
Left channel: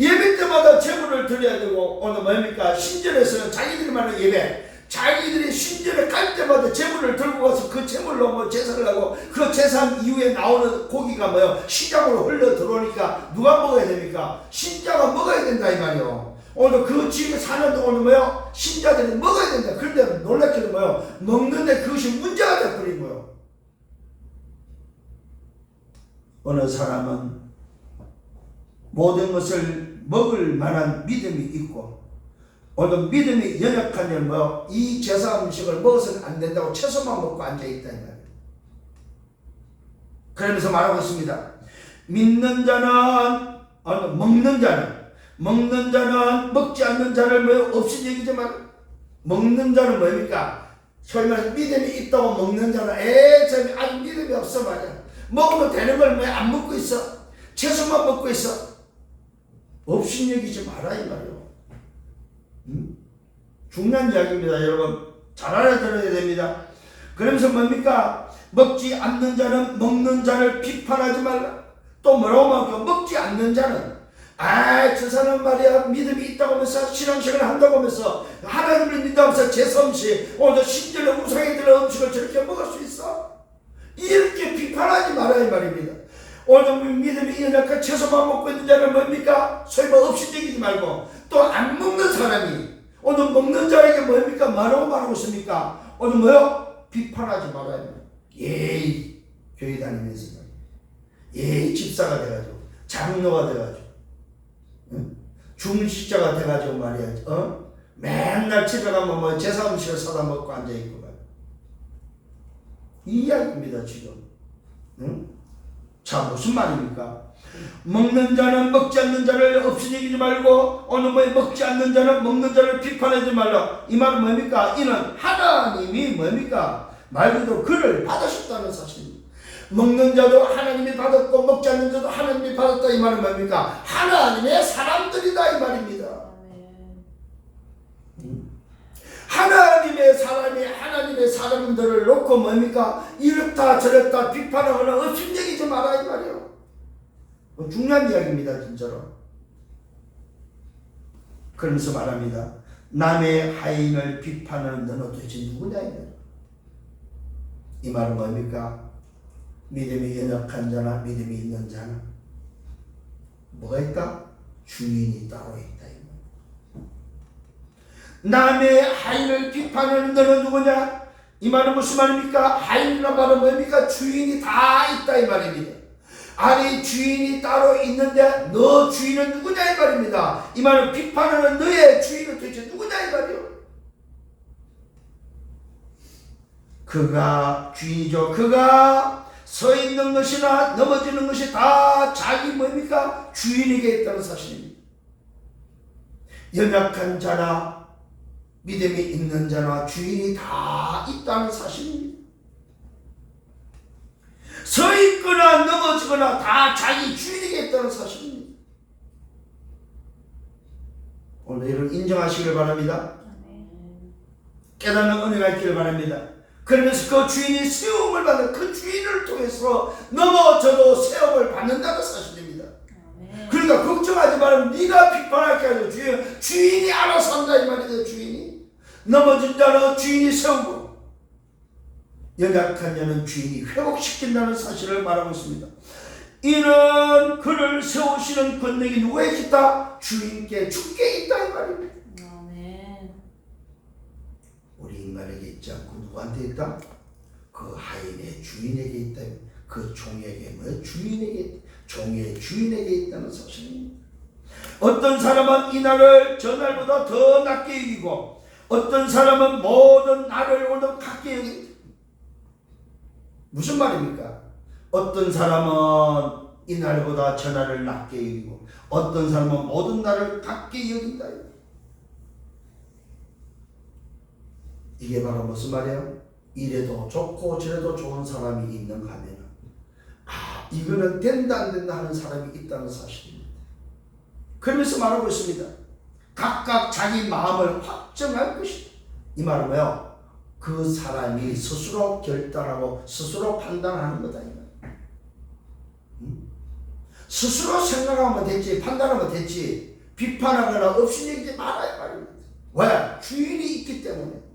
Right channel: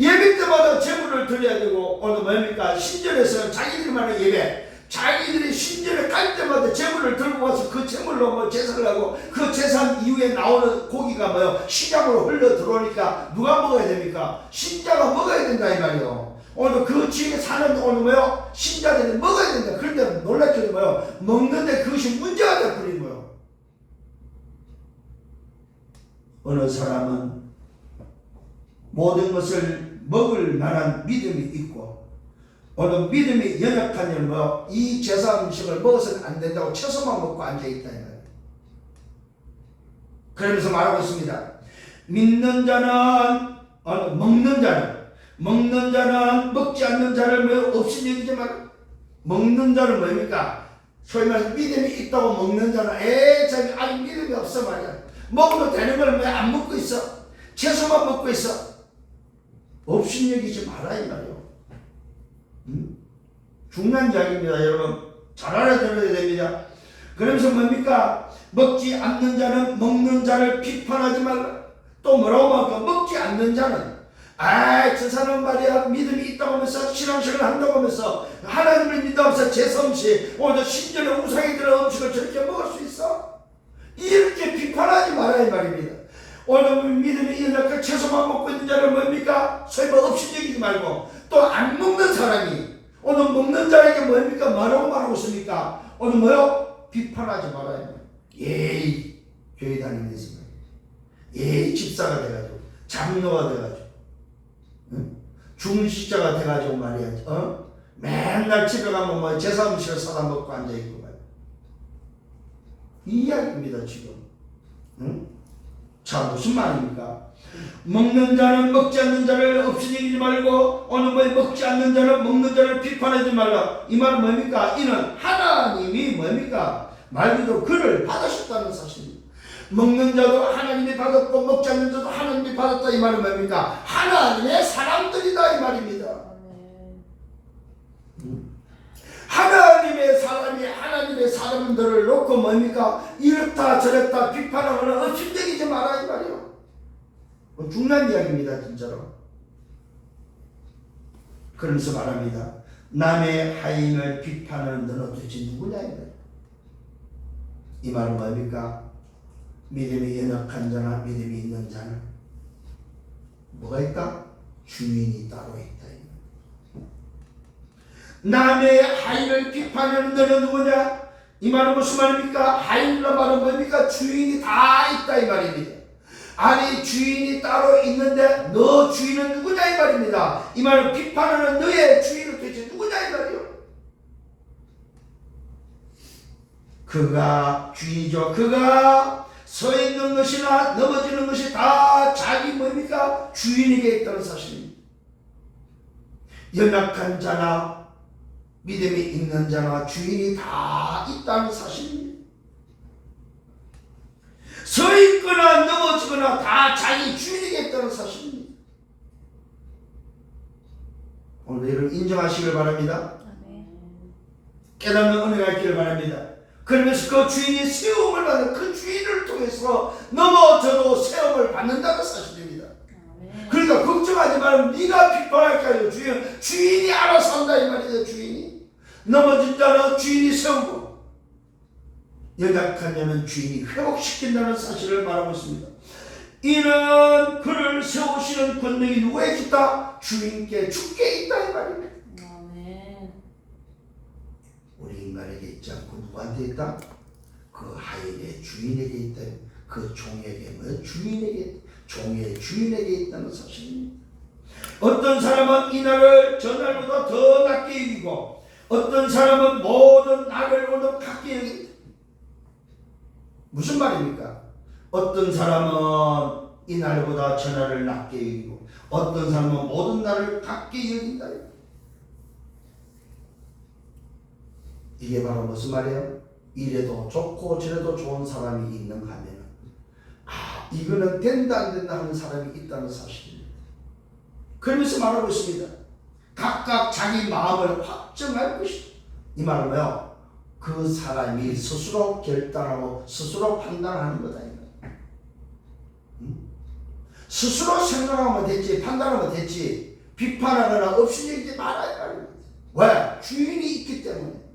예배 때마다 제물을 드려야 되고 오늘 뭡니까? 신전에서 자기들만의 예배. 자기들이 신전에 갈 때마다 제물을 들고 가서 그 제물로 뭐 제사를 하고 그 제사 이후에 나오는 고기가 뭐요? 시장으로 흘러 들어오니까 누가 먹어야 됩니까? 신자가 먹어야 된다 이 말이요. 오늘 그 지역에 사는 오늘 뭐요? 신자들이 먹어야 된다. 그런데 놀랍게도 뭐요? 먹는데 그것이 문제가 되어버린 거예요. 어느 사람은 모든 것을 먹을 만한 믿음이 있고 오늘 믿음이 연약하면 이 제사 음식을 먹어서는 안 된다고 채소만 먹고 앉아있다. 그러면서 말하고 있습니다. 믿는 자는 먹는 자는 먹지 않는 자를 없이 얘기지 말. 먹는 자는 뭡니까? 소위 말해서 믿음이 있다고 먹는 자는 저기 아직 믿음이 없어 말이야. 먹어도 되는 걸 왜 안 먹고 있어? 채소만 먹고 있어. 없이 여기지 마라 이 말이요. 중요한 이야기입니다. 여러분 잘 알아들어야 됩니다. 그러면서 뭡니까? 먹지 않는 자는 먹는 자를 비판하지 말라. 또 뭐라고 말할까? 먹지 않는 자는 저 사람 말이야 믿음이 있다고 하면서 신앙생활을 한다고 하면서 하나님을 믿다면서 제사 음식 오늘 신전에 우상이 들어간 음식을 저렇게 먹을 수 있어? 이렇게 비판하지 마라 이 말입니다. 오늘 믿음이 연약한 채소만 먹고 있는 자는 뭡니까? 소위 업신여기지 말고 또 안 먹는 사람이 오늘 먹는 자에게 뭡니까? 뭐라고 말하고 있습니까? 오늘 뭐요? 비판하지 말아야 예의 교회 다니면서 예의 집사가 돼가지고 장로가 돼가지고 중식자가 돼가지고 말이야 맨날 집에 가면 제사 음식을 사다 먹고 앉아있고 말이야. 이 이야기입니다 지금. 자 무슨 말입니까? 먹는 자는 먹지 않는 자를 없이 여기지 말고 오늘 먹지 않는 자는 먹는 자를 비판하지 말라. 이 말은 뭡니까? 이는 하나님이 뭡니까? 말 그대로 그를 받으셨다는 사실입니다. 먹는 자도 하나님이 받았고 먹지 않는 자도 하나님이 받았다. 이 말은 뭡니까? 하나님의 사람들이다 이 말입니다. 하나님의 사람이 하나님의 사람들을 놓고 뭡니까? 이렇다 저렇다 비판하거나 업신여기지 마라 이 말이에요. 중요한 이야기입니다 진짜로. 그러면서 말합니다. 남의 하인을 비판하는 너는 도대체 누구냐 이 말은 뭡니까? 믿음이 연약한 자나 믿음이 있는 자는 뭐가 있다? 주인이 따로 있다. 남의 하인을 비판하는 너는 누구냐? 이 말은 무슨 말입니까? 하인이란 말은 뭡니까? 주인이 다 있다 이 말입니다. 아니 주인이 따로 있는데 너 주인은 누구냐 이 말입니다. 이 말은 비판하는 너의 주인은 도대체 누구냐 이 말이요. 그가 주인이죠. 그가 서 있는 것이나 넘어지는 것이 다 자기 뭡니까? 주인에게 있다는 사실입니다. 연약한 자나 믿음이 있는 자나 주인이 다 있다는 사실입니다. 서 있거나 넘어지거나 다 자기 주인에게 있다는 사실입니다. 오늘 여러분 인정하시길 바랍니다. 깨닫는 은혜가 있기를 바랍니다. 그러면서 그 주인이 세움을 받는 그 주인을 통해서 넘어져도 세움을 받는다는 사실입니다. 그러니까 걱정하지 말고 네가 비판할 게 아니고 주인이 알아서 한다 이 말이죠. 주인이 넘어진 자는 주인이 세우고 연약한 자는 주인이 회복시킨다는 사실을 말하고 있습니다. 이는 그를 세우시는 권능이 누구에게 있다? 주인께 주께 있다 이 말입니다. 우리 인간에게 있지 않고 누구한테 있다? 그 하인의 주인에게 있다. 그 종에게 주인에게 종의 주인에게 있다는 사실입니다. 어떤 사람은 이 날을 전날보다 더 낮게 여기고 어떤 사람은 모든 날을 오늘 같게 여긴다. 무슨 말입니까? 어떤 사람은 이 날보다 전날을 낮게 여기고 어떤 사람은 모든 날을 같게 여긴다. 이게 바로 무슨 말이에요? 이래도 좋고 저래도 좋은 사람이 있는가 하면 이거는 된다 안 된다 하는 사람이 있다는 사실입니다. 그러면서 말하고 있습니다. 각각 자기 마음을 확정할 것이다. 이 말은 뭐요? 그 사람이 스스로 결단하고 스스로 판단하는 거다. 스스로 생각하면 됐지 판단하면 됐지 비판하거나 없이내지 말아야 말입니다. 왜? 주인이 있기 때문에.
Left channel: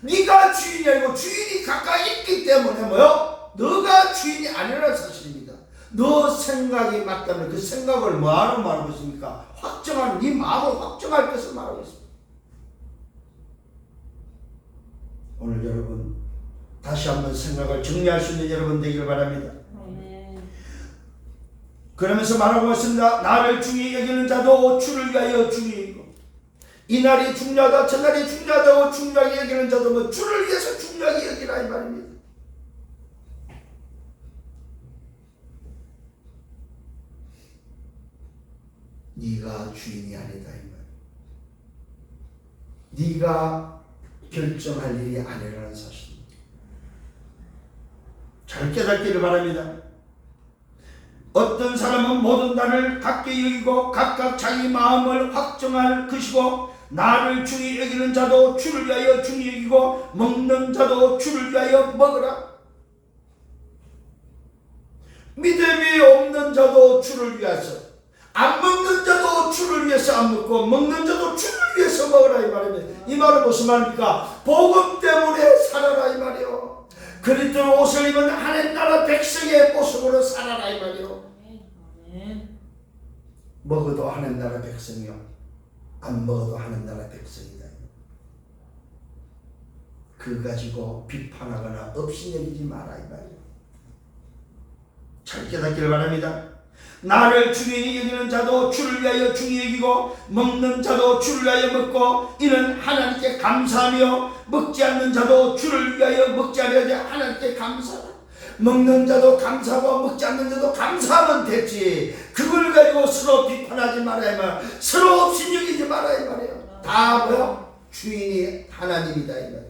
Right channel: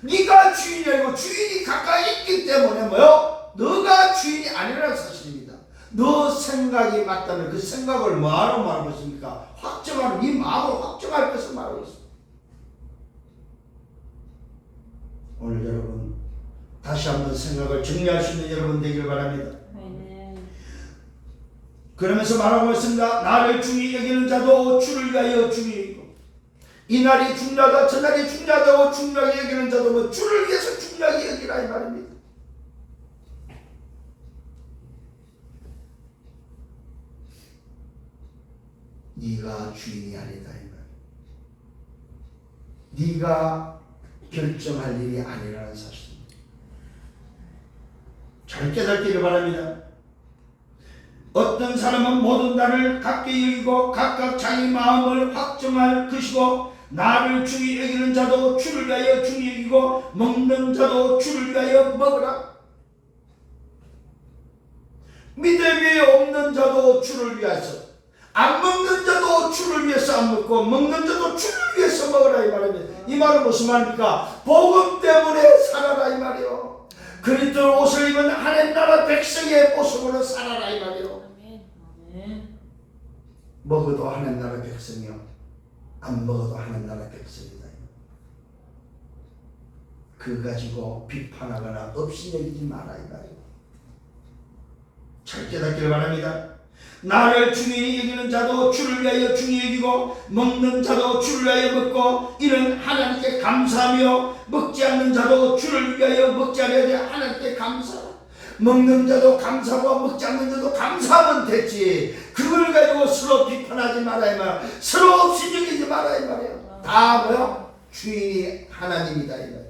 네가 주인이 아니고 주인이 가까이 있기 때문에 뭐요? 너가 주인이 아니라는 사실입니다. 너 생각이 맞다면 그 생각을 뭐하러 말하고 있습니까? 확정하는 네 마음을 확정할 것을 말하고 있습니다. 오늘 여러분 다시 한번 생각을 정리할 수 있는 여러분 되기를 바랍니다. 그러면서 말하고 있습니다. 나를 중히 여기는 자도 주를 위하여 중히 이 날이 중요하다 저날이 중요하다고 중요하게 여기는 자도 뭐 주를 위해서 중요하게 여기라 이 말입니다. 네가 주인이 아니다 이 말. 네가 결정할 일이 아니라는 사실입니다. 잘 깨닫기를 바랍니다. 어떤 사람은 모든 날을 같게 여기고 각각 자기 마음을 확정할 것이고 나를 중히 여기는 자도 주를 위하여 중히 여기고 먹는 자도 주를 위하여 먹으라. 믿음이 없는 자도 주를 위해서 안 먹는 자도 주를 위해서 안 먹고 먹는 자도 주를 위해서 먹으라 이 말입니다. 이 말은 무슨 말입니까? 복음 때문에 살아라 이 말이요. 그리스도 옷을 입은 하나님 나라 백성의 모습으로 살아라 이 말이요. 먹어도 하나님 나라 백성이요 안 먹어도 하나님 나라 백성이다. 그 가지고 비판하거나 업신여기지 마라 이 말이요. 잘 깨닫기를 바랍니다. 나를 중히 여기는 자도 주를 위하여 중히 여기고 먹는 자도 주를 위하여 먹고 이는 하나님께 감사하며 먹지 않는 자도 주를 위하여 먹지 않으려 하나님께 감사하라. 먹는 자도 감사하고 먹지 않는 자도 감사하면 됐지 그걸 가지고 서로 비판하지 말아야 말 서로 없이 여기지 말아야 말이야. 다 뭐야? 주인이 하나님이다 이 말이야.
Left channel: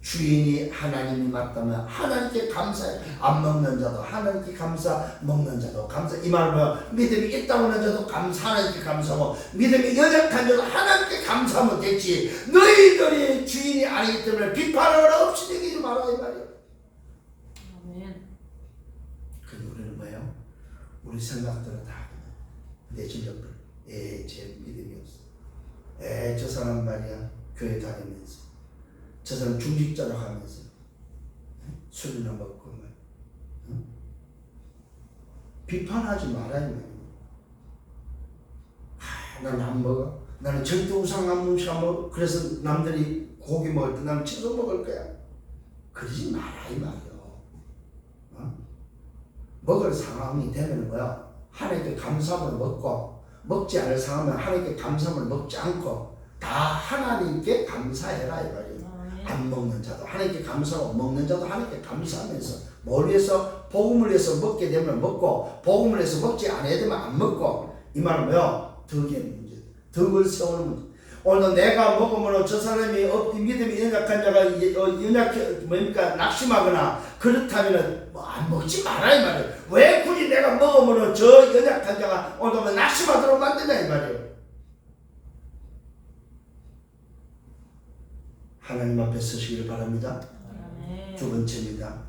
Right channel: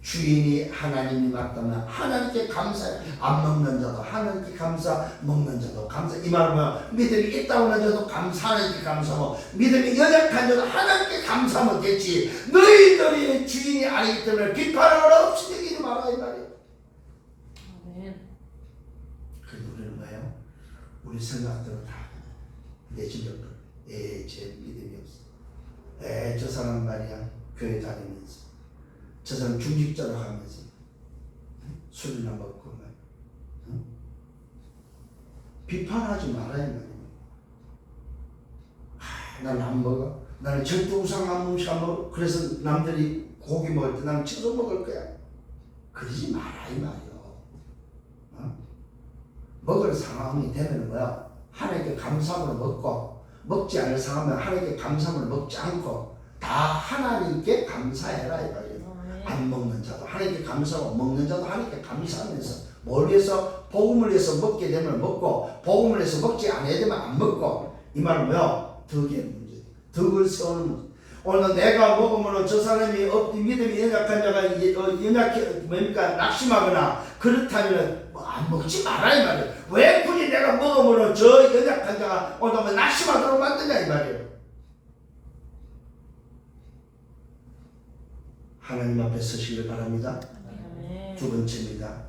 주인이 하나님이 맞다면 하나님께 감사해. 안 먹는 자도 하나님께 감사, 먹는 자도 감사. 이 말은 뭐야? 믿음이 있다고 하는 자도 감사, 하나님께 감사하고 믿음이 연약한 자도 하나님께 감사하면 됐지 너희들이 주인이 아니기 때문에 비판하거나 없이 여기지 마라 이 말이야. 그 우리는 뭐예요? 우리 생각대로 다 내 실력대로 제 믿음이 없어. 저 사람 말이야 교회 다니면서 저 사람 중직자로 하면서 술이나 먹고 비판하지 말아야 말이야. 나는 안 먹어. 나는 절대 우상 한 몸씩 안 먹어. 그래서 남들이 고기 먹을 때 나는 채소 먹을 거야. 그러지 마라 이 말이요. 먹을 상황이 되면 뭐야? 하나님께 감사함을 먹고, 먹지 않을 상황은 하나님께 감사함을 먹지 않고 다 하나님께 감사해라 이 말이에요. 안 먹는 자도 하나님께 감사하고 먹는 자도 하나님께 감사하면서 뭘 위해서? 복음을 위해서 먹게 되면 먹고 복음을 위해서 먹지 않아야 되면 안 먹고. 이 말은 뭐요? 덕의 문제, 덕을 세우는 문제. 오늘 내가 먹으면 저 사람이 믿음이 연약한 자가 연약해 뭡니까? 낙심하거나 그렇다면 안 먹지 마라 이 말이에요. 왜 굳이 내가 먹으면 저 연약한 자가 오늘 낙심하도록 만드냐 이 말이에요. 하나님 앞에 서시기를 바랍니다. 두 번째입니다.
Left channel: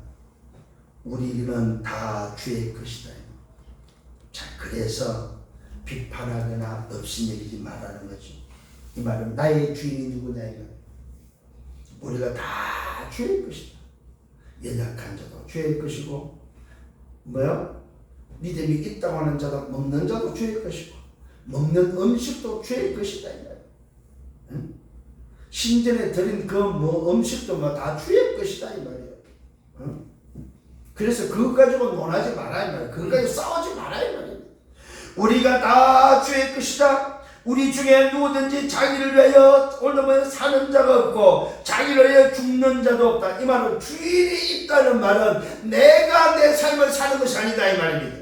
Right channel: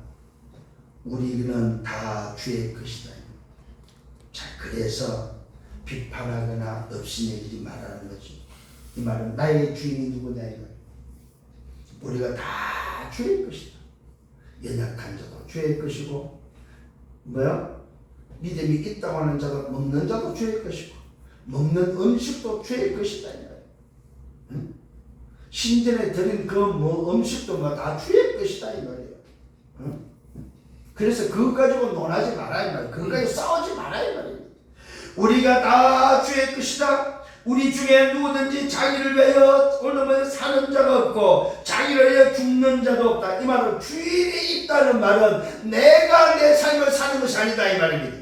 우리는 다 주의 것이다. 자, 그래서 비판하거나 업신여기지 말라는 거지. 이 말은 나의 주인이 누구냐 이 말. 우리가 다 주의 것이다. 연약한 자도 주의 것이고, 뭐야? 믿음이 있다고 하는 자도 먹는 자도 주의 것이고, 먹는 음식도 주의 것이다 이 말. 응? 신전에 드린 그 음식도 다 주의 것이다 이 말이에요. 응? 그래서 그거 가지고 논하지 마라 이 말이에요. 그거 가지고 싸우지 마라 이 말이에요. 우리가 다 주의 것이다. 우리 중에 누구든지 자기를 위하여 오늘은 사는 자가 없고 자기를 위하여 죽는 자도 없다. 이 말은 주인이 있다는 말은 내가 내 삶을 사는 것이 아니다 이 말입니다.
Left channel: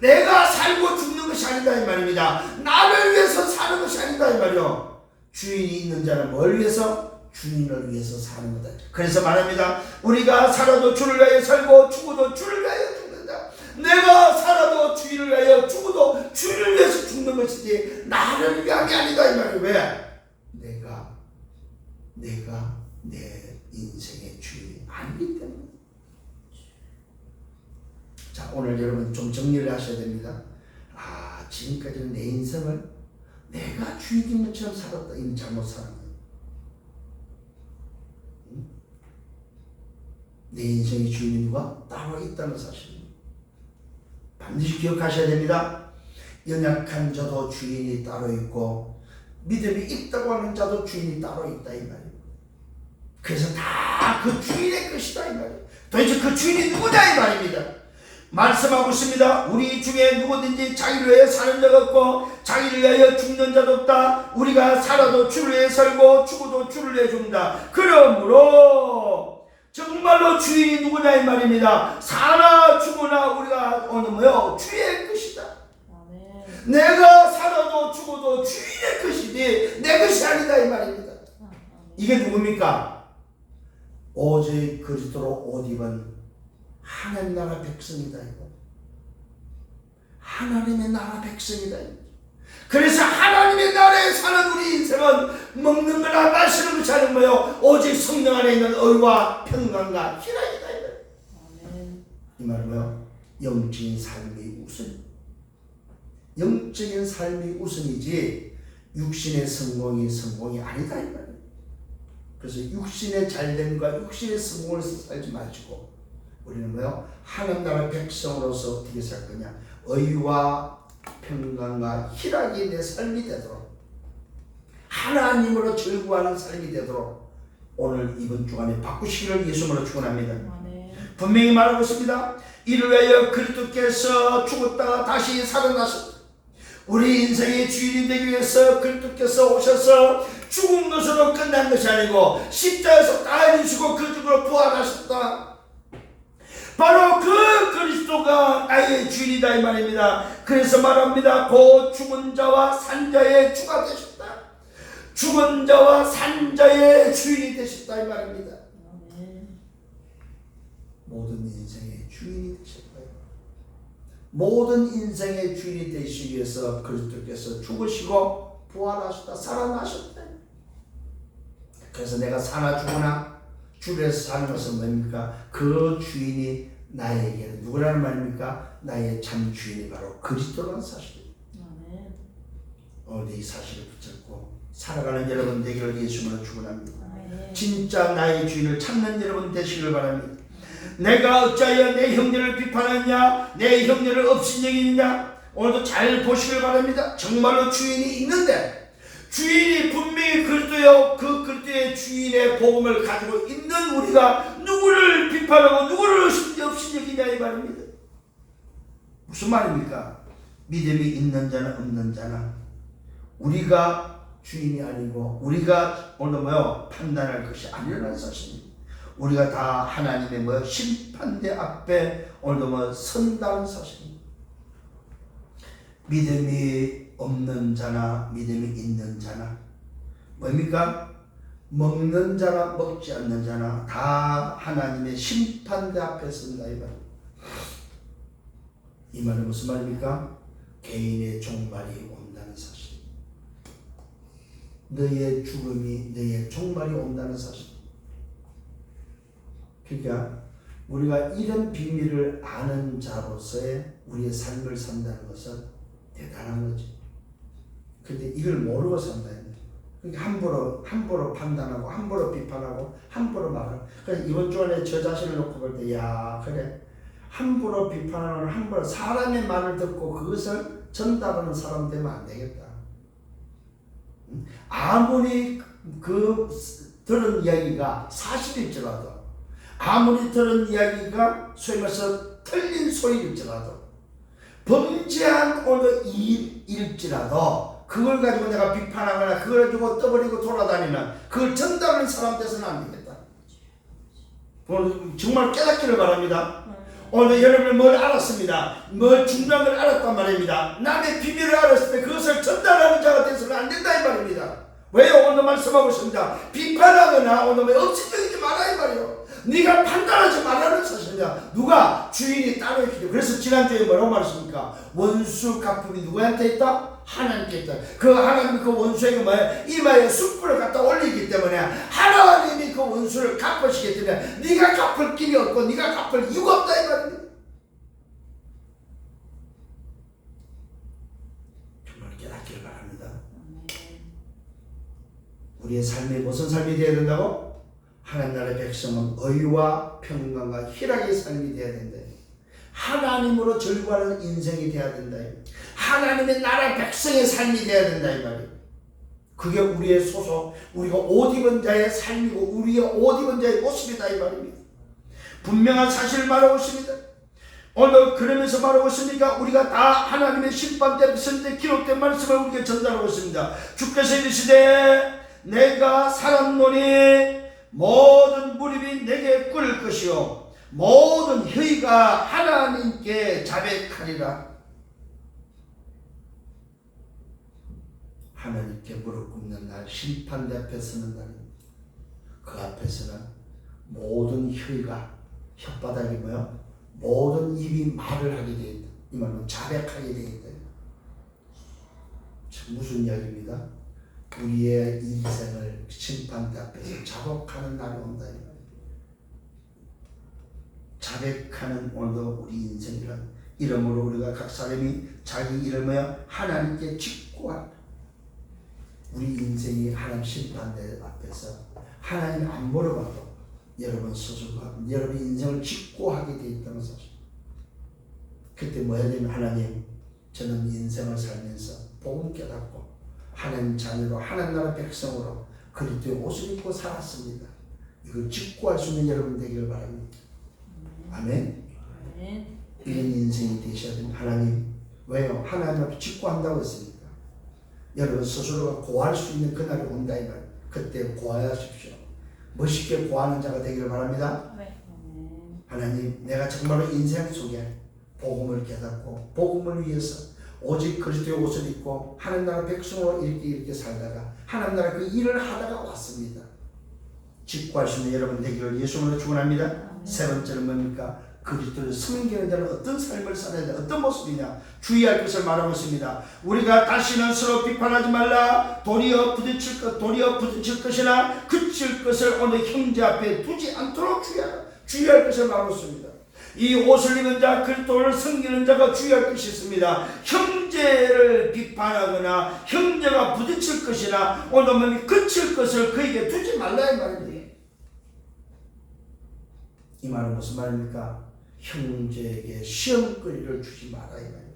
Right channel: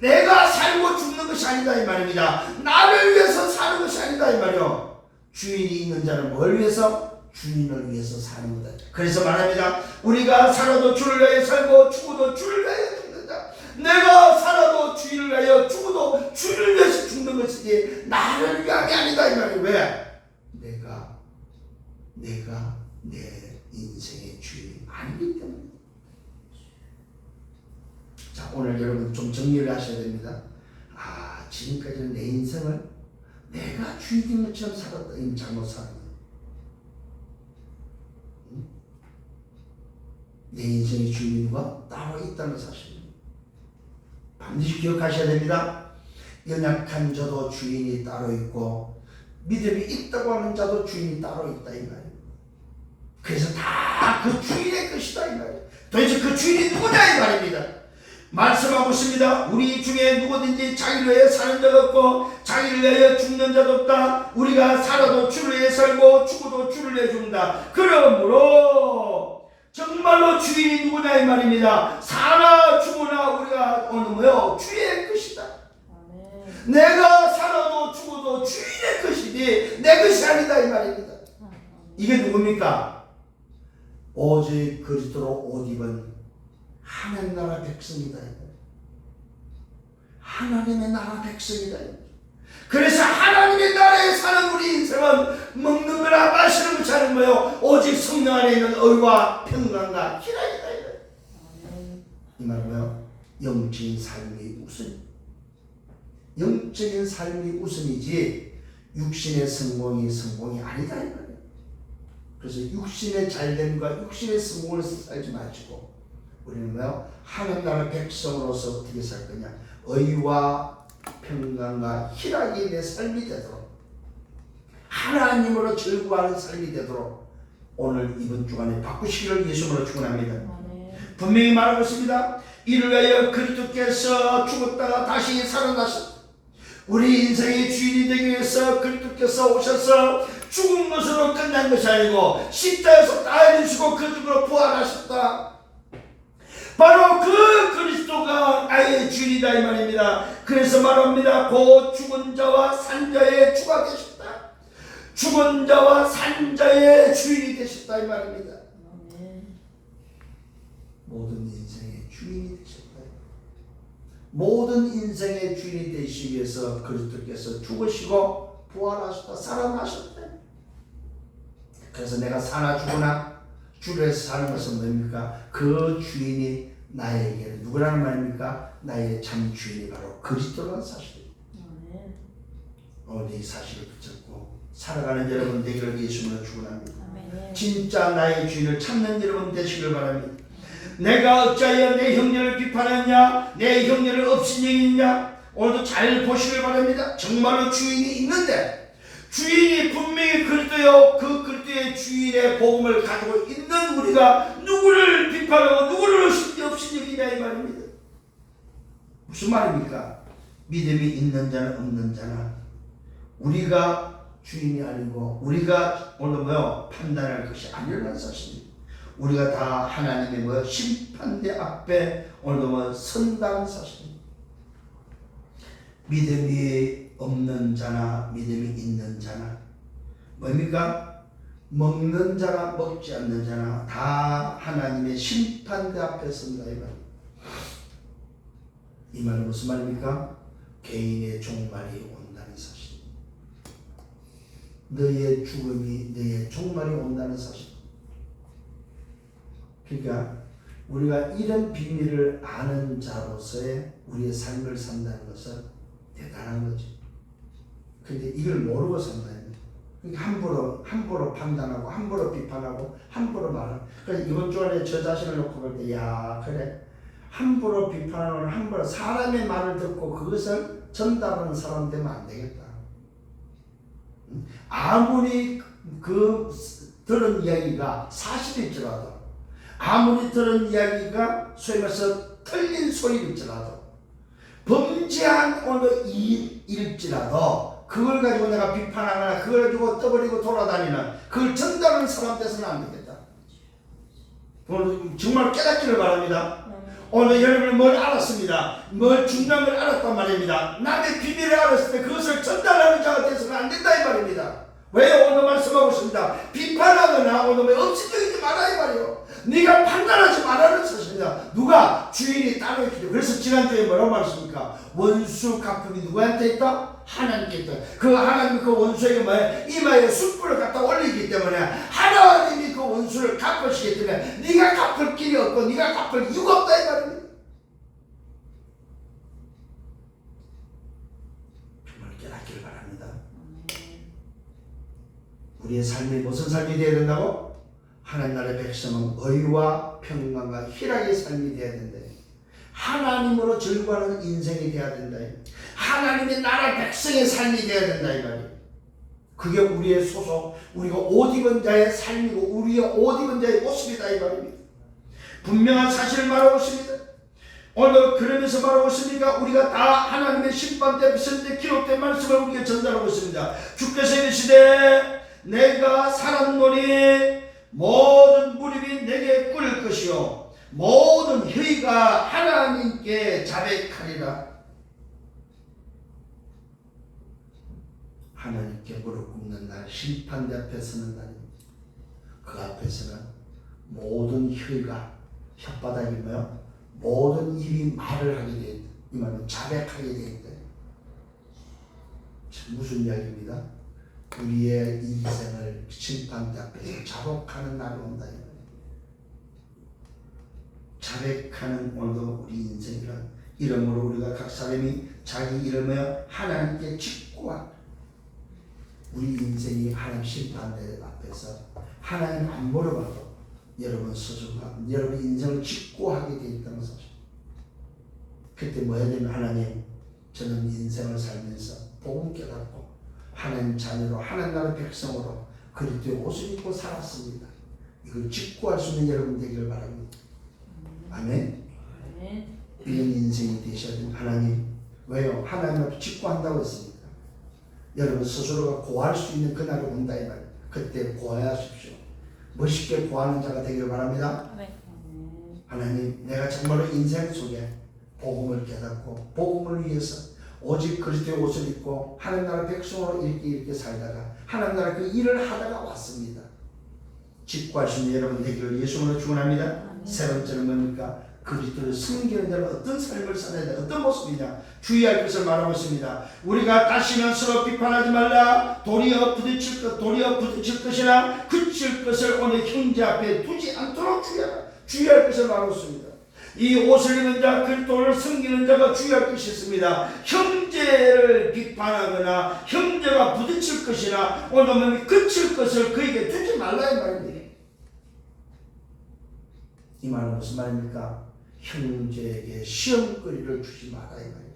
내가 살고 죽는 것이 아니다 이 말입니다. 나를 위해서 사는 것이 아니다 이 말이요. 주인이 있는 자는 뭘 위해서? 주인을 위해서 사는 거다. 그래서 말합니다. 우리가 살아도 주를 위하여 살고 죽어도 주를 위하여 죽는다. 내가 살아도 주를 위하여 죽어도 주를 위해서 죽는 것이지 나를 위한 게 아니다 이 말이에요. 왜? 내가 내 인생의 주인이 아니기 때문에. 자, 오늘 여러분 좀 정리를 하셔야 됩니다. 지금까지는 내 인생을 내가 주인인 것처럼 살았다. 이미 잘못 사는 거예요. 내 인생의 주인이 누가 따로 있다는 사실입니다. 반드시 기억하셔야 됩니다. 연약한 자도 주인이 따로 있고 믿음이 있다고 하는 자도 주인이 따로 있다 이 말이에요. 그래서 다 그 주인의 것이다 이 말이에요. 도대체 그 주인이 누구냐 이 말입니다. 말씀하고 있습니다. 우리 중에 누구든지 자기를 위해 사는 자가 없고 자기를 위하여 죽는 자도 없다. 우리가 살아도 주를 위해 살고 죽어도 주를 위해 죽는다. 그러므로 정말로 주인이 누구냐 이 말입니다. 사나 죽으나 우리가 오늘 뭐요? 주의 것이다. 내가 살아도 죽어도 주인의 것이니 내 것이 아니다 이 말입니다. 이게 누굽니까? 오직 그리스도로 옷 입은 하나님 나라 백성이다. 하나님의 나라 백성이다. 그래서 하나님의 나라에 사는 우리 인생은 먹는 거나 마시는 것이 아닌 거예요. 오직 성령 안에 있는 의와 평강과 희락이다. 이 말은 뭐예요? 영적인 삶이 우선. 영적인 삶이 우선이지 육신의 성공이 아니다. 이 말이에요. 그래서 육신의 잘됨과 육신의 성공을 살지 마시고 우리는 뭐요? 하나님 나라 백성으로서 어떻게 살 거냐? 의와 평강과 희락이 내 삶이 되도록 하나님으로 즐거워하는 삶이 되도록 오늘 이번 주간에 바꾸시기를 예수님으로 축원합니다. 분명히 말하고 있습니다. 이를 위하여 그리스도께서 죽었다가 다시 살아나셨다. 우리 인생의 주인이 되기 위해서 그리스도께서 오셔서 죽은 것으로 끝난 것이 아니고 십자가에서 다 이루시고 그 죽으로 부활하셨다. 바로 그 그리스도가 나의 주인이다 이 말입니다. 그래서 말합니다. 곧 죽은 자와 산 자의 주가 되셨다. 죽은 자와 산 자의 주인이 되셨다 이 말입니다. 모든 인생의 주인이 되셨다. 모든 인생의 주인이 되시기 위해서 그리스도께서 죽으시고 부활하셨다. 살아나셨다. 그래서 내가 사나 죽으나 주를 위해서 사는 것은 뭡니까? 그 주인이 나에게 누구라는 말입니까? 나의 참 주인이 바로 그리스도라는 사실입니다. 오늘 이 사실을 붙잡고 살아가는 여러분 되기를 예수님으로 축원합니다. 진짜 나의 주인을 찾는 여러분 되시길 바랍니다. 내가 어찌하여 내 형제를 비판하느냐? 내 형제를 업신여기느냐? 오늘도 잘 보시길 바랍니다. 정말로 주인이 있는데 주인이 분명히 그리스도요, 그 그리스도의 주인의 복음을 가지고 있는 우리가 누구를 비판하고 누구를 없이 여기냐 이 말입니다. 무슨 말입니까? 믿음이 있는 자는 없는 자나 우리가 주인이 아니고 우리가 오늘 판단할 것이 아니라는 사실입니다. 우리가 다 하나님의 심판대 앞에 오늘 선다는 사실입니다. 믿음이 없는 자나 믿음이 있는 자나 뭡니까? 먹는 자나 먹지 않는 자나 다 하나님의 심판대 앞에 선다 이 말입니다. 이 말은 무슨 말입니까? 개인의 종말이 온다는 사실. 너의 죽음이 너의 종말이 온다는 사실. 그러니까 우리가 이런 비밀을 아는 자로서의 우리의 삶을 산다는 것은 대단한 거죠. 근데 이걸 모르고 산다. 그러니까 함부로 판단하고 함부로 비판하고 함부로 말하고. 그래서 이번 주간에 저 자신을 놓고 볼 때 야 그래 함부로 비판하는 함부로 사람의 말을 듣고 그것을 전달하는 사람 되면 안 되겠다. 아무리 그 들은 이야기가 사실일지라도 아무리 들은 이야기가 소위 말해서 틀린 소리일지라도 범죄한 어느 일일지라도 그걸 가지고 내가 비판하거나 그걸 가지고 떠버리고 돌아다니는 그걸 전달하는 사람 돼서는 안 되겠다. 오늘 정말 깨닫기를 바랍니다. 오늘 여러분은 뭘 알았습니다. 뭘 중요한 걸 알았단 말입니다. 남의 비밀을 알았을 때 그것을 전달하는 자가 돼서는 안 된다 이 말입니다. 왜요? 오늘 말씀하고 있습니다. 비판하거나 오늘 억지적이지 말아 이 말이요. 네가 판단하지 말라는 사실이야. 누가? 주인이 따로 있기. 그래서 지난주에 뭐라고 말했습니까? 원수 갚음이 누구한테 있다? 하나님께 있다. 그 하나님이 그 원수에게 이마에 숯불을 갖다 올리기 때문에 하나님이 그 원수를 갚으시기 때문에 네가 갚을 길이 없고 네가 갚을 이유가 없다 이 말입니다. 정말 깨닫기를 바랍니다. 우리의 삶이 무슨 삶이 되어야 된다고? 하나님 나라의 백성은 의와 평강과 희락의 삶이 되어야 된다. 하나님으로 즐거워하는 인생이 되어야 된다. 하나님의 나라 백성의 삶이 되어야 된다 이 말이에요. 그게 우리의 소속, 우리가 옷 입은 자의 삶이고 우리의 옷 입은 자의 모습이다 이 말입니다. 분명한 사실을 말하고 있습니다. 오늘 그러면서 말하고 있습니까? 우리가 다 하나님의 심판대 앞에 기록된 말씀을 우리에게 전달하고 있습니다. 주께서 이르시되 내가 살았노니 모든 무릎이 내게 꿇을 것이요 모든 혀가 하나님께 자백하리라. 하나님께 무릎 꿇는 날, 심판대 앞에 서는 날입니다. 그 앞에서는 모든 혀가, 혓바닥이 모든 입이 말을 하게 되어 있다. 이 말은 자백하게 되어 있다. 무슨 이야기입니다? 우리의 인생을 심판대 앞에서 자복하는 날이 온다. 자백하는 오늘도 우리 인생이란 이름으로 우리가 각 사람이 자기 이름을 하나님께 직구한다. 우리 인생이 하나님 심판대 앞에서 하나님 안 물어봐도 여러분 스스로가 여러분 인생을 직구하게 되어 있다는 사실. 그때 뭐 해야 되면 하나님 저는 인생을 살면서 복음 깨닫고 하나님 자녀로 하나님 나라 백성으로 그리스도의 옷을 입고 살았습니다. 이걸 직구할 수 있는 여러분 되기를 바랍니다. 아멘. 이런 인생이 되셔야 됩니다. 하나님 왜요? 하나님 앞에 직구한다고 했습니다. 여러분 스스로가 고할 수 있는 그날이 온다 이 말. 그때 고하십시오. 멋있게 고하는 자가 되기를 바랍니다. 하나님 내가 정말로 인생 속에 복음을 깨닫고 복음을 위해서 오직 그리스도의 옷을 입고 하나님 나라 백성으로 이렇게 살다가 하나님 나라 그 일을 하다가 왔습니다. 직구할 수 있는 여러분 되기를 예수님으로 축원합니다. 세 번째는 뭡니까? 그리스도를 섬기는 자는 어떤 삶을 살아야 돼? 어떤 모습이냐? 주의할 것을 말하고 있습니다. 우리가 다시는 서로 비판하지 말라. 도리어 부딪힐 것이나 그칠 것을 어느 형제 앞에 두지 않도록 주의할 것을 말하고 있습니다. 이 옷을 입은 자, 그리스도를 섬기는 자가 주의할 것이 있습니다. 형제를 비판하거나 형제가 부딪힐 것이나 오늘 그칠 것을 그에게 두지 말라 이 말입니다. 이 말은 무슨 말입니까? 형제에게 시험거리를 주지 마라 이 말입니다.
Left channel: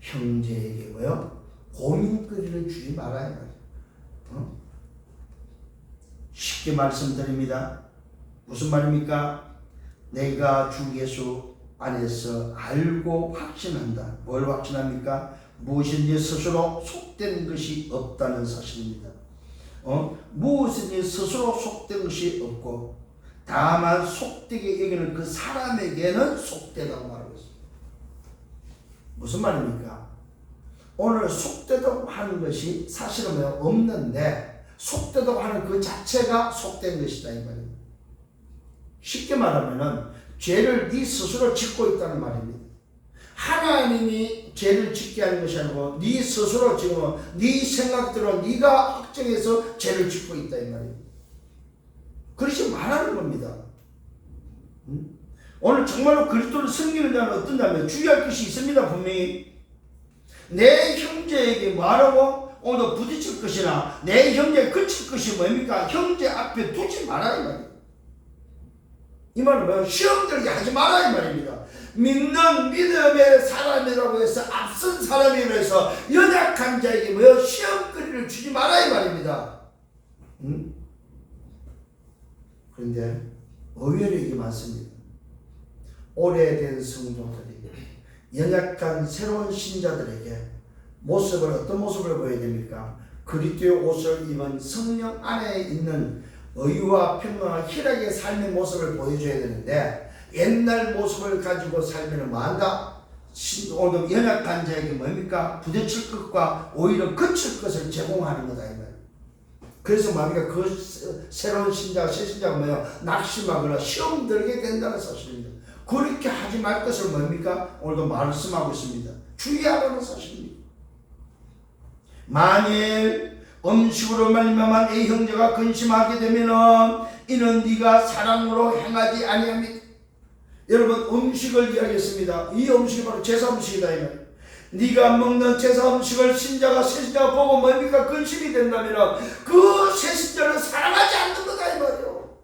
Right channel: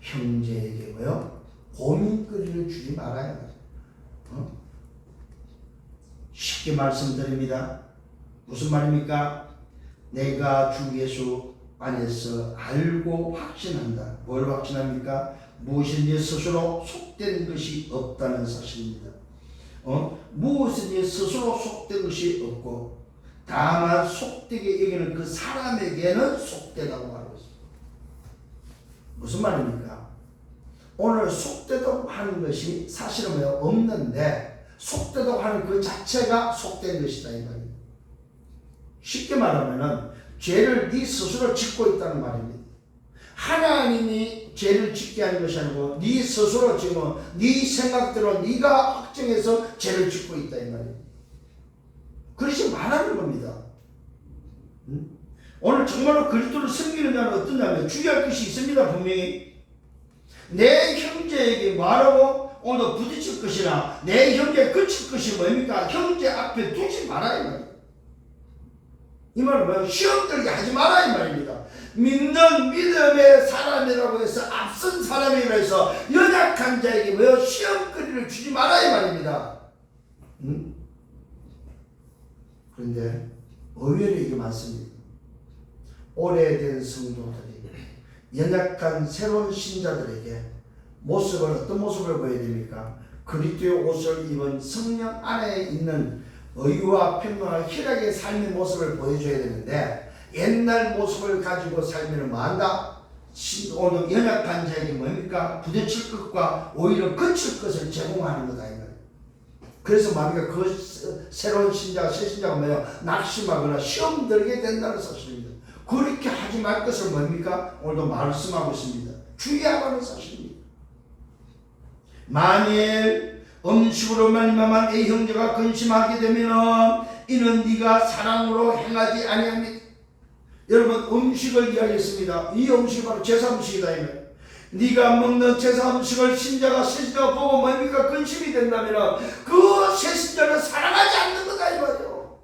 형제에게 뭐요? 고민거리를 주지 말아야 말이에요. 쉽게 말씀드립니다. 무슨 말입니까? 내가 주 예수 안에서 알고 확신한다. 뭘 확신합니까? 무엇인지 스스로 속된 것이 없다는 사실입니다. 무엇인지 스스로 속된 것이 없고 다만 속되게 여기는 그 사람에게는 속되다고 말하고 있습니다. 무슨 말입니까? 오늘 속되다고 하는 것이 사실은 없는데 속되다고 하는 그 자체가 속된 것이다 이 말입니다. 쉽게 말하면은 죄를 네 스스로 짓고 있다는 말입니다. 하나님이 죄를 짓게 하는 것이 아니고 네 스스로 지금 네 생각대로 네가 확정해서 죄를 짓고 있다 이 말입니다. 그것이 말하는 겁니다. 오늘 정말로 그리스도를 섬기는 자는 어떠냐면 주의할 것이 있습니다. 분명히 내 형제에게 말하고 오늘 부딪힐 것이나 내 형제에 그칠 것이 뭡니까? 형제 앞에 두지 마라 이 말입니다. 이 말은 뭐예요? 시험 들게 하지 마라 이 말입니다. 믿는 믿음의 사람이라고 해서 앞선 사람이라고 해서 연약한 자에게 뭐예요? 시험거리를 주지 마라 이 말입니다. 그런데 의외로 이게 많습니다. 오래된 성도들이 연약한 새로운 신자들에게 모습을 어떤 모습을 보여야 됩니까? 그리스도의 옷을 입은 성령 안에 있는 의와 평강과 희락의 삶의 모습을 보여줘야 되는데 옛날 모습을 가지고 살면 뭐한다? 오늘 연약한 자에게 뭡니까? 부딪힐 것과 오히려 거칠 것을 제공하는 거다 이 말이에요. 그래서 뭡니까? 그 새로운 신자가 새 신자가 뭐예요? 낙심하거나 시험 들게 된다는 사실입니다. 그렇게 하지 말 것을 뭡니까? 오늘도 말씀하고 있습니다. 주의하라는 사실입니다. 만일 음식으로 말미암아 내 형제가 근심하게 되면은 이는 네가 사랑으로 행하지 아니합니다. 여러분 음식을 이야기했습니다. 이 음식이 바로 제사 음식이다 이 말이에요. 네가 먹는 제사 음식을 신자가 새신자가 보고 뭡니까? 근심이 된다면은 그 새신자를 사랑하지 않는 거다 이 말이에요.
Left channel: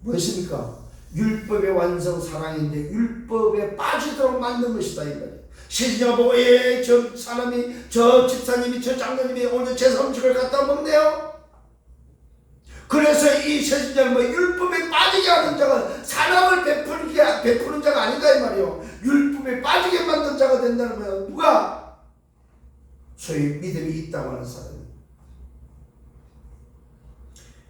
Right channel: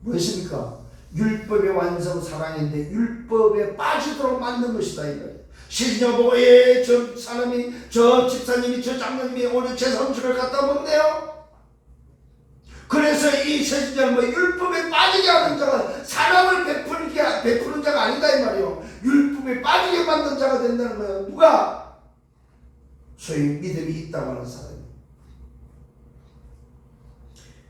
무엇입니까? 율법의 완성 사랑인데 율법에 빠지도록 만든 것이다 이 말이에요. 새신자가 보고 저 사람이 저 집사님이 저 장로님이 오늘 제사 음식을 갖다 먹네요. 그래서 이 새신자는 뭐 율법에 빠지게 하는 자가 사랑을 베푸는 자가 아니다 이 말이에요. 율법에 빠지게 만든 자가 된다는 거예요. 누가? 소위 믿음이 있다고 하는 사람이에요.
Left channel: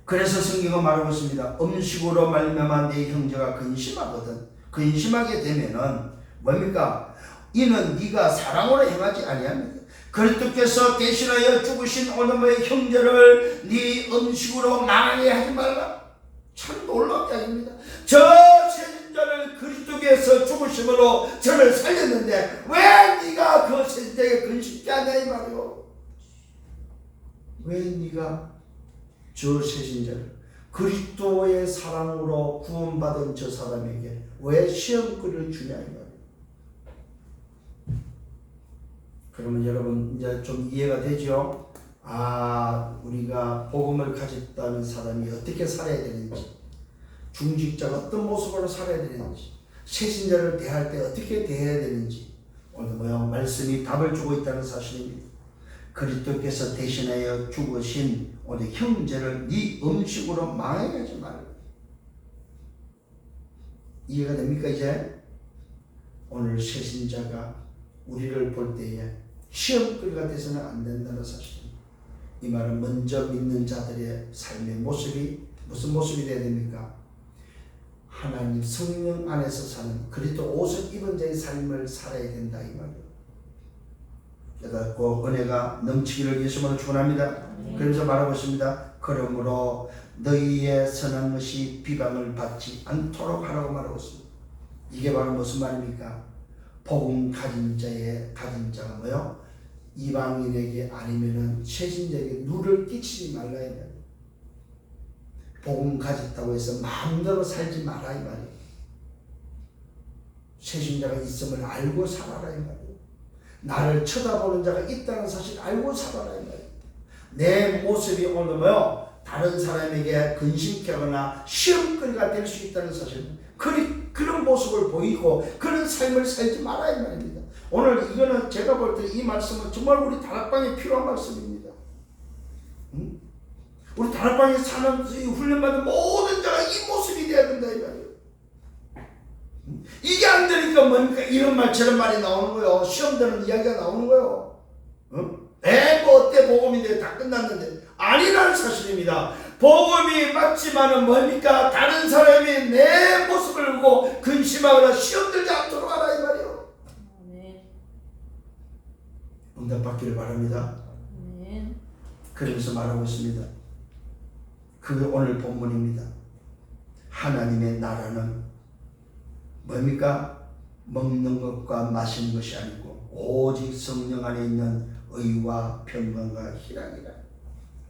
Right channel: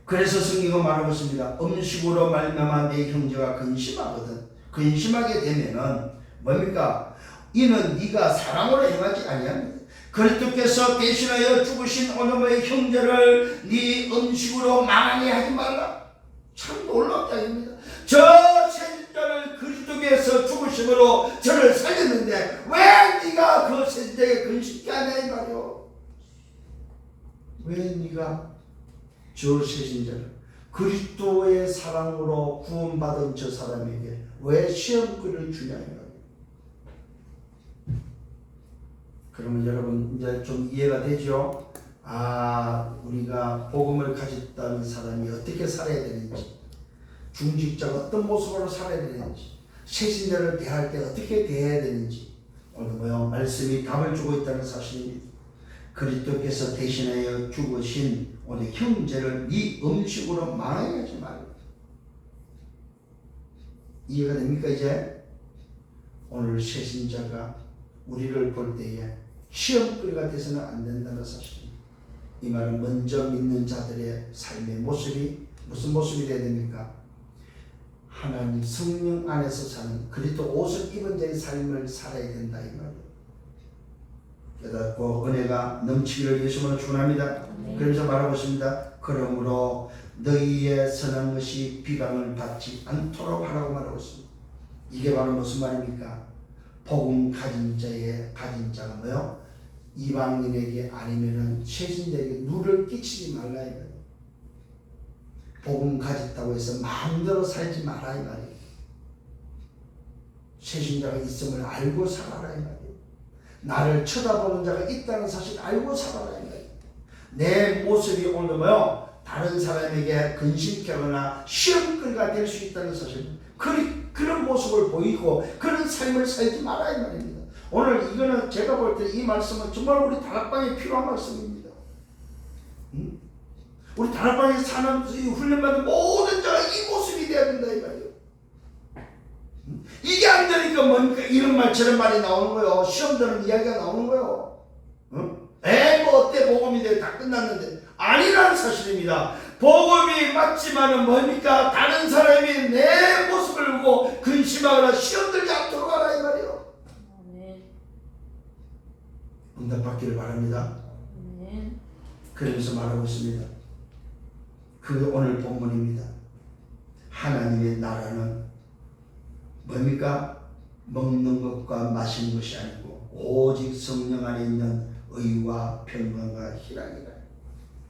그래서 성경은 말하고 있습니다. 음식으로 말미암아 내 형제가 근심하거든. 근심하게 되면은 뭡니까? 이는 네가 사랑으로 행하지 아니합니다. 그리스도께서 대신하여 죽으신 오늘의 형제를 네 음식으로 망하게 하지 말라. 참 놀라운 이야기입니다. 저 새신자를 그리스도께서 죽으심으로 저를 살렸는데 왜 네가 그 새신자에게 근심케 하냐 이 말이요. 왜 네가 저 새신자를 그리스도의 사랑으로 구원받은 저 사람에게 왜 시험거리를 주냐 이 말이에요. 그러면 여러분 이제 좀 이해가 되죠? 우리가 복음을 가졌다는 사람이 어떻게 살아야 되는지, 중직자가 어떤 모습으로 살아야 되는지, 새신자를 대할 때 어떻게 대해야 되는지 오늘 말씀이 답을 주고 있다는 사실입니다. 그리스도께서 대신하여 죽으신 오늘 형제를 네 음식으로 망하게 하지 말라. 이해가 됩니까 이제? 오늘 새신자가 우리를 볼 때에 시험거리가 돼서는 안 된다는 사실입니다. 이 말은 먼저 믿는 자들의 삶의 모습이 무슨 모습이 되어야 됩니까? 하나님 성령 안에서 사는 그리스도 옷을 입은 자의 삶을 살아야 된다 이 말이에요. 깨닫고 은혜가 넘치기를 예수님으로 축원합니다. 그러면서 말하고 있습니다. 그러므로 너희의 선한 것이 비방을 받지 않도록 하라고 말하고 있습니다. 이게 바로 무슨 말입니까? 복음 가진 자가 뭐요? 이방인에게 아니면은 새신자에게 누를 끼치지 말라 이 말이에요. 복음 가졌다고 해서 마음대로 살지 마라 이 말이에요. 새신자가 있음을 알고 살아라 이 말이에요. 나를 쳐다보는 자가 있다는 사실 알고 살아라 이 말이에요. 내 모습이 오늘 다른 사람에게 근심케 하거나 시험거리가 될 수 있다는 사실, 그런 모습 모습을 보이고 그런 삶을 살지 마라 이 말입니다. 오늘 이거는 제가 볼 때 이 말씀은 정말 우리 다락방에 필요한 말씀입니다. 우리 다락방에 사는 훈련받은 모든 자가 이 모습이 돼야 된다 이 말이에요. 이게 안 되니까 뭡니까? 이런 말 저런 말이 나오는 거예요. 시험 되는 이야기가 나오는 거예요. 뭐 어때 복음이 돼 다 끝났는데 아니라는 사실입니다. 복음이 맞지만은 뭡니까? 다른 사람이 내 모습을 보고 근심하거나 시험 들지 않도록 하라 이 말이에요. 응답받기를 바랍니다. 그러면서 말하고 있습니다. 그게 오늘 본문입니다. 하나님의 나라는 뭡니까? 먹는 것과 마시는 것이 아니고 오직 성령 안에 있는 의와 평강과 희락이라.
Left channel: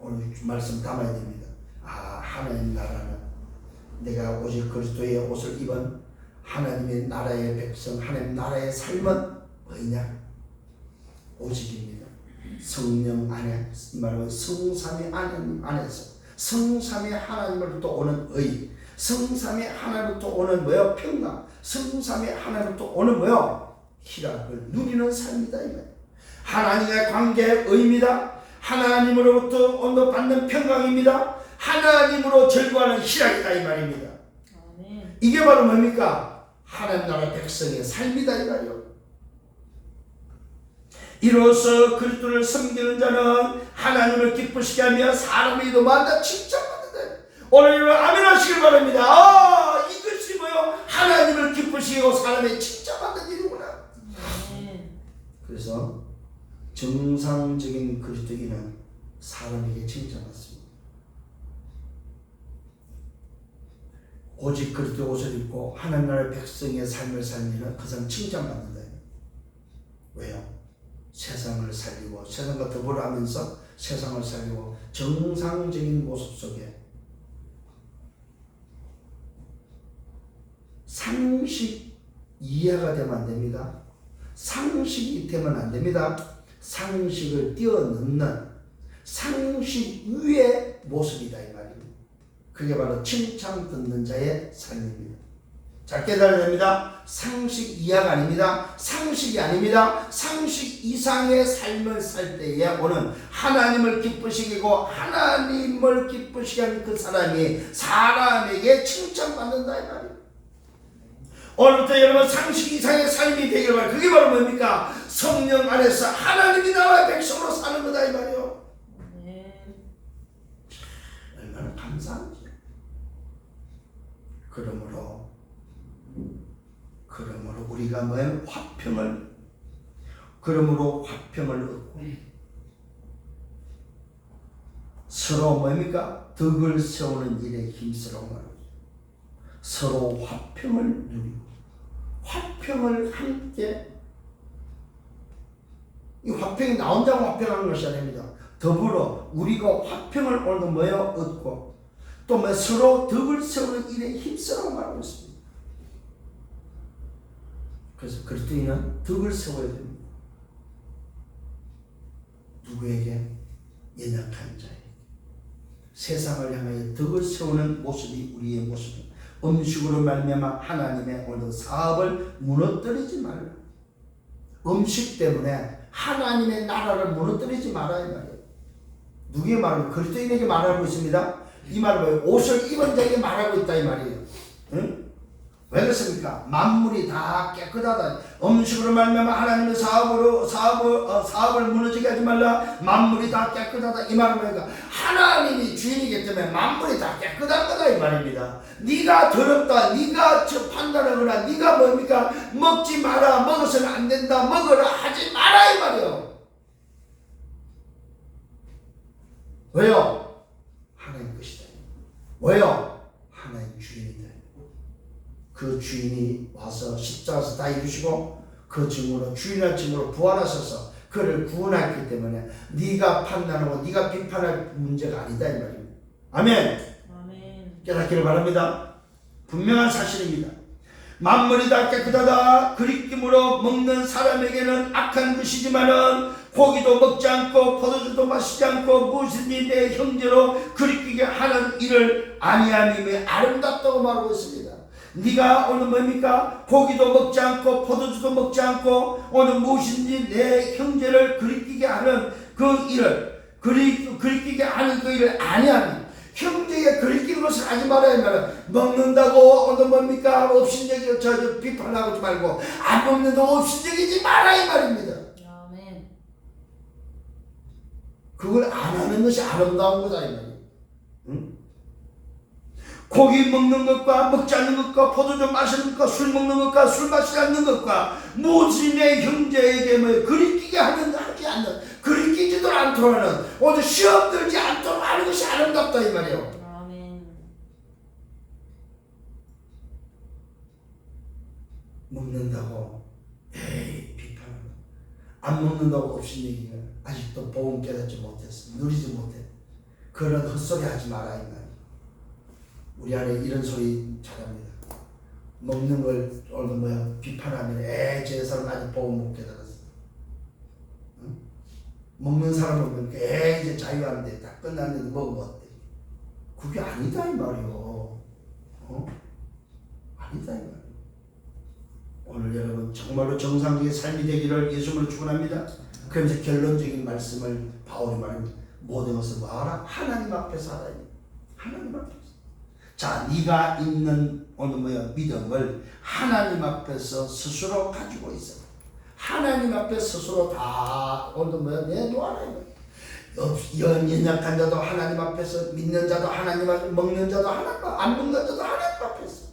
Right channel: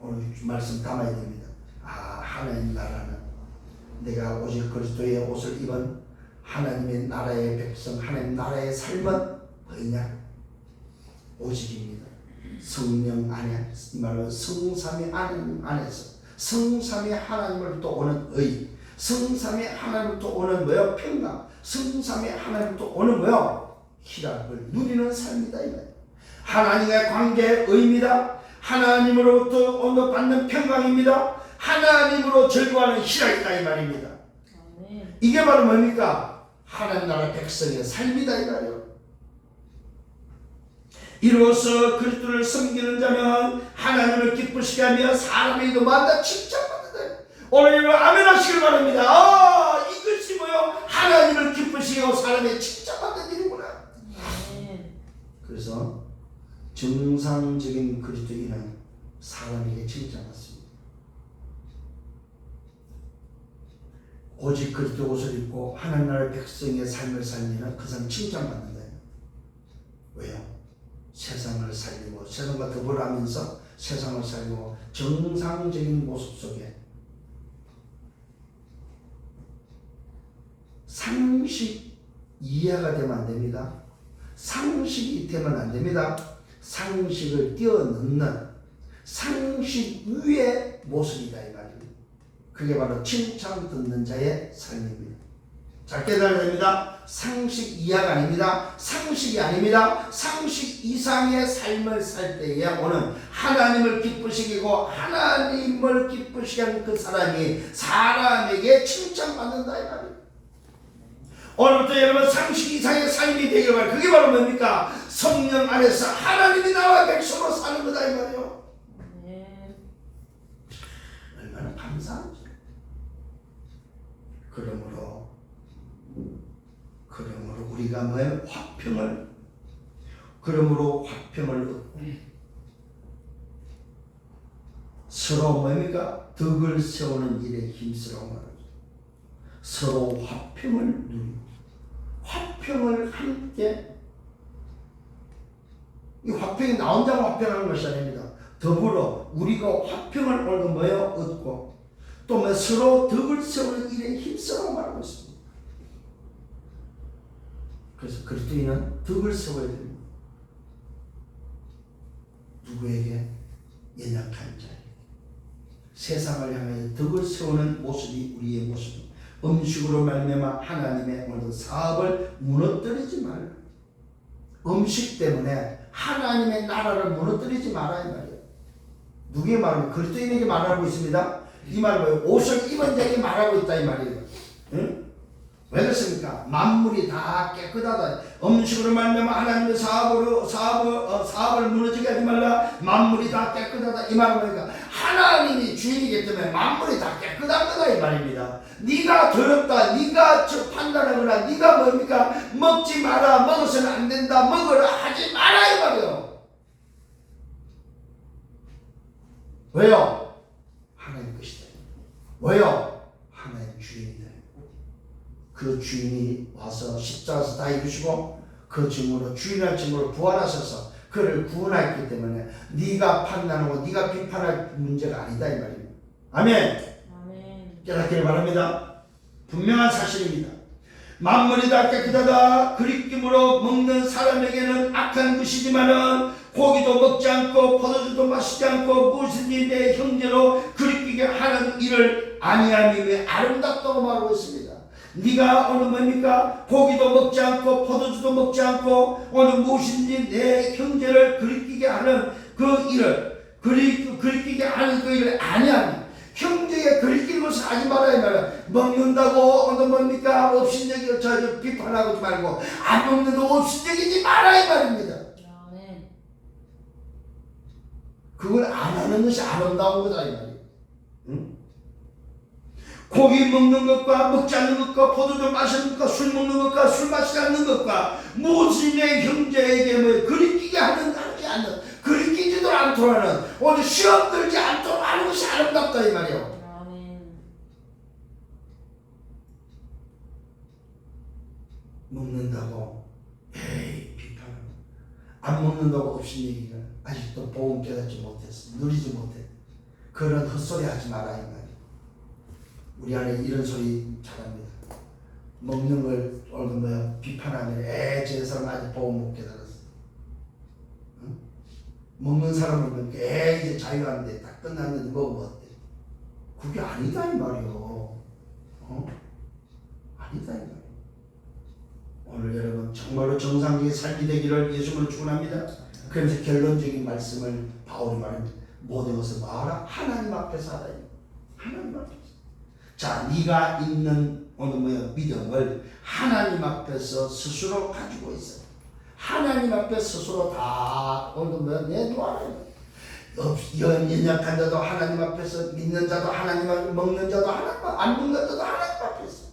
오늘 말씀 담아야 됩니다. 하나님 나라는 내가 오직 그리스도의 옷을 입은 하나님의 나라의 백성, 하나님 나라의 삶은 뭐냐? 오직입니다. 성령 안에, 이 말은 성삼위 하나님 안에서 성삼위 하나님으로부터 오는 의, 성삼위 하나님으로부터 오는 뭐요? 평강, 성삼위 하나님으로부터 오는 뭐요? 희락을 누리는 삶이다 이 말이에요. 하나님의 관계의 의입니다. 하나님으로부터 얻는 평강입니다. 하나님으로 절구하는 희락이다 이 말입니다. 이게 바로 뭡니까? 하나님 나라 백성의 삶이다 이 말이에요. 이로써 그리스도를 섬기는 자는 하나님을 기쁘시게 하며 사람의 도마다 칭찬받는다. 오늘 여러분 아멘 하시길 바랍니다. 이것이 뭐요? 하나님을 기쁘시게 하고 사람의 칭찬받는 일이구나. 그래서 정상적인 그리스도인은 사람에게 칭찬받습니다. 오직 그리스도 옷을 입고 하나님 나라의 백성의 삶을 살리는 그 사람 칭찬받는다. 왜요? 세상을 살리고 세상과 더불어 하면서 세상을 살리고 정상적인 모습 속에 상식 이해가 되면 안 됩니다. 상식이 되면 안 됩니다. 상식을 뛰어넘는 상식 위의 모습이다 이 말입니다. 그게 바로 칭찬 듣는 자의 삶입니다. 잘 깨달아야 됩니다. 상식 이하가 아닙니다. 상식이 아닙니다. 상식 이상의 삶을 살 때에 오는 하나님을 기쁘시게 하고 하나님을 기쁘시게 하는 그 사람이 사람에게 칭찬받는다 이 말이에요. 오늘부터 여러분 상식 이상의 삶이 되길 바랍니다. 그게 바로 뭡니까? 성령 안에서 하나님이 나와 백성으로 사는 거다 이 말이에요. 얼마나 감사하죠. 그러므로 우리가 뭘 화평을 얻고 서로 뭡니까? 덕을 세우는 일에 힘쓰라고 말합니다. 서로 화평을 누리고 화평을 함께, 이 화평이 나 혼자 화평하는 것이 아닙니다. 더불어 우리가 화평을 오늘도 뭐요? 얻고 또 뭐 서로 덕을 세우는 일에 힘쓰라고 말하고 있습니다. 그래서 그리스도인은 덕을 세워야 됩니다. 누구에게? 연약한 자에게. 세상을 향해 덕을 세우는 모습이 우리의 모습입니다. 음식으로 말미암아 하나님의 오늘 사업을 무너뜨리지 말라. 음식 때문에 하나님의 나라를 무너뜨리지 마라 이 말이에요. 누구의 말입니까? 그리스도인에게 말하고 있습니다. 이 말은 옷을 입은 자에게 말하고 있다 이 말이에요. 응? 왜 그렇습니까? 만물이 다 깨끗하다. 음식으로 말미암아 하나님의 사업을 무너지게 하지 말라. 만물이 다 깨끗하다 이 말은 뭐니까? 하나님이 주인이기 때문에 만물이 다 깨끗한 거다 이 말입니다. 네가 더럽다, 네가 판단하거나 네가 뭡니까? 먹지 마라, 먹어서는 안 된다, 먹으라 하지 마라 이 말이에요. 왜요? 하나님 것이다. 왜요? 하나님 주인이다. 그 주인이 와서 십자가에서 다 이루시고 그 증으로 주인할 증으로 부활하셔서 그를 구원했기 때문에 네가 판단하고 네가 비판할 문제가 아니다 이 말입니다. 아멘. 깨닫기를 바랍니다. 분명한 사실입니다. 만물이 다 깨끗하다. 그리낌으로 먹는 사람에게는 악한 것이지만은 고기도 먹지 않고 포도주도 마시지 않고 무엇이든지 내 형제로 그리키게 하는 일을 아니함이 아름답다고 말하고 있습니다. 네가 오늘 뭡니까? 고기도 먹지 않고 포도주도 먹지 않고 오늘 무엇인지 내 형제를 그리끼게 하는 그 일을 그리끼게 하는 그 일을 아니하니 형제에 그리끼는 것을 하지 말아야 말이야. 먹는다고 오늘 뭡니까? 업신여기 저 비판하지 말고 안 먹는다고 업신여기지 말아야 말입니다. 아멘. 그걸 안 하는 것이 아름다운 거다 이 말이에요. 응? 고기 먹는 것과 먹지 않는 것과 포도주 마시는 것과 술 먹는 것과 술 마시지 않는 것과 무엇이 내 형제에게 뭐 그리끼게 하지 않는 그리끼지도 않도록 하는 오늘 시험 들지 않도록 하는 것이 아름답다 이 말이에요. 아멘. 먹는다고 비판 안 먹는다고 없인 얘기가 아직도 복음 깨닫지 못했어. 누리지 못해. 그런 헛소리 하지 마라 이 말이에요. 우리 안에 이런 소리 잘합니다. 먹는 걸 오늘 비판하면 저 사람 아직 복음 못 깨달았어. 응? 먹는 사람은 이제 자유한데 다 끝났는데 먹으면 어때? 그게 아니다 이 말이요. 아니다 이 말이요. 오늘 여러분 정말로 정상적인 삶이 되기를 예수님으로 축원합니다. 그러면서 결론적인 말씀을 바울이 말합니다. 모든 것을 뭐하라? 하나님 앞에서 하라. 하나님 앞에서. 자, 네가 있는 오늘 믿음을 하나님 앞에서 스스로 가지고 있어. 하나님 앞에 스스로 다 오늘 내놓아라. 연약한 자도 하나님 앞에서, 믿는 자도 하나님 앞에서, 먹는 자도 하나님 앞에서, 안 먹는 자도 하나님 앞에서.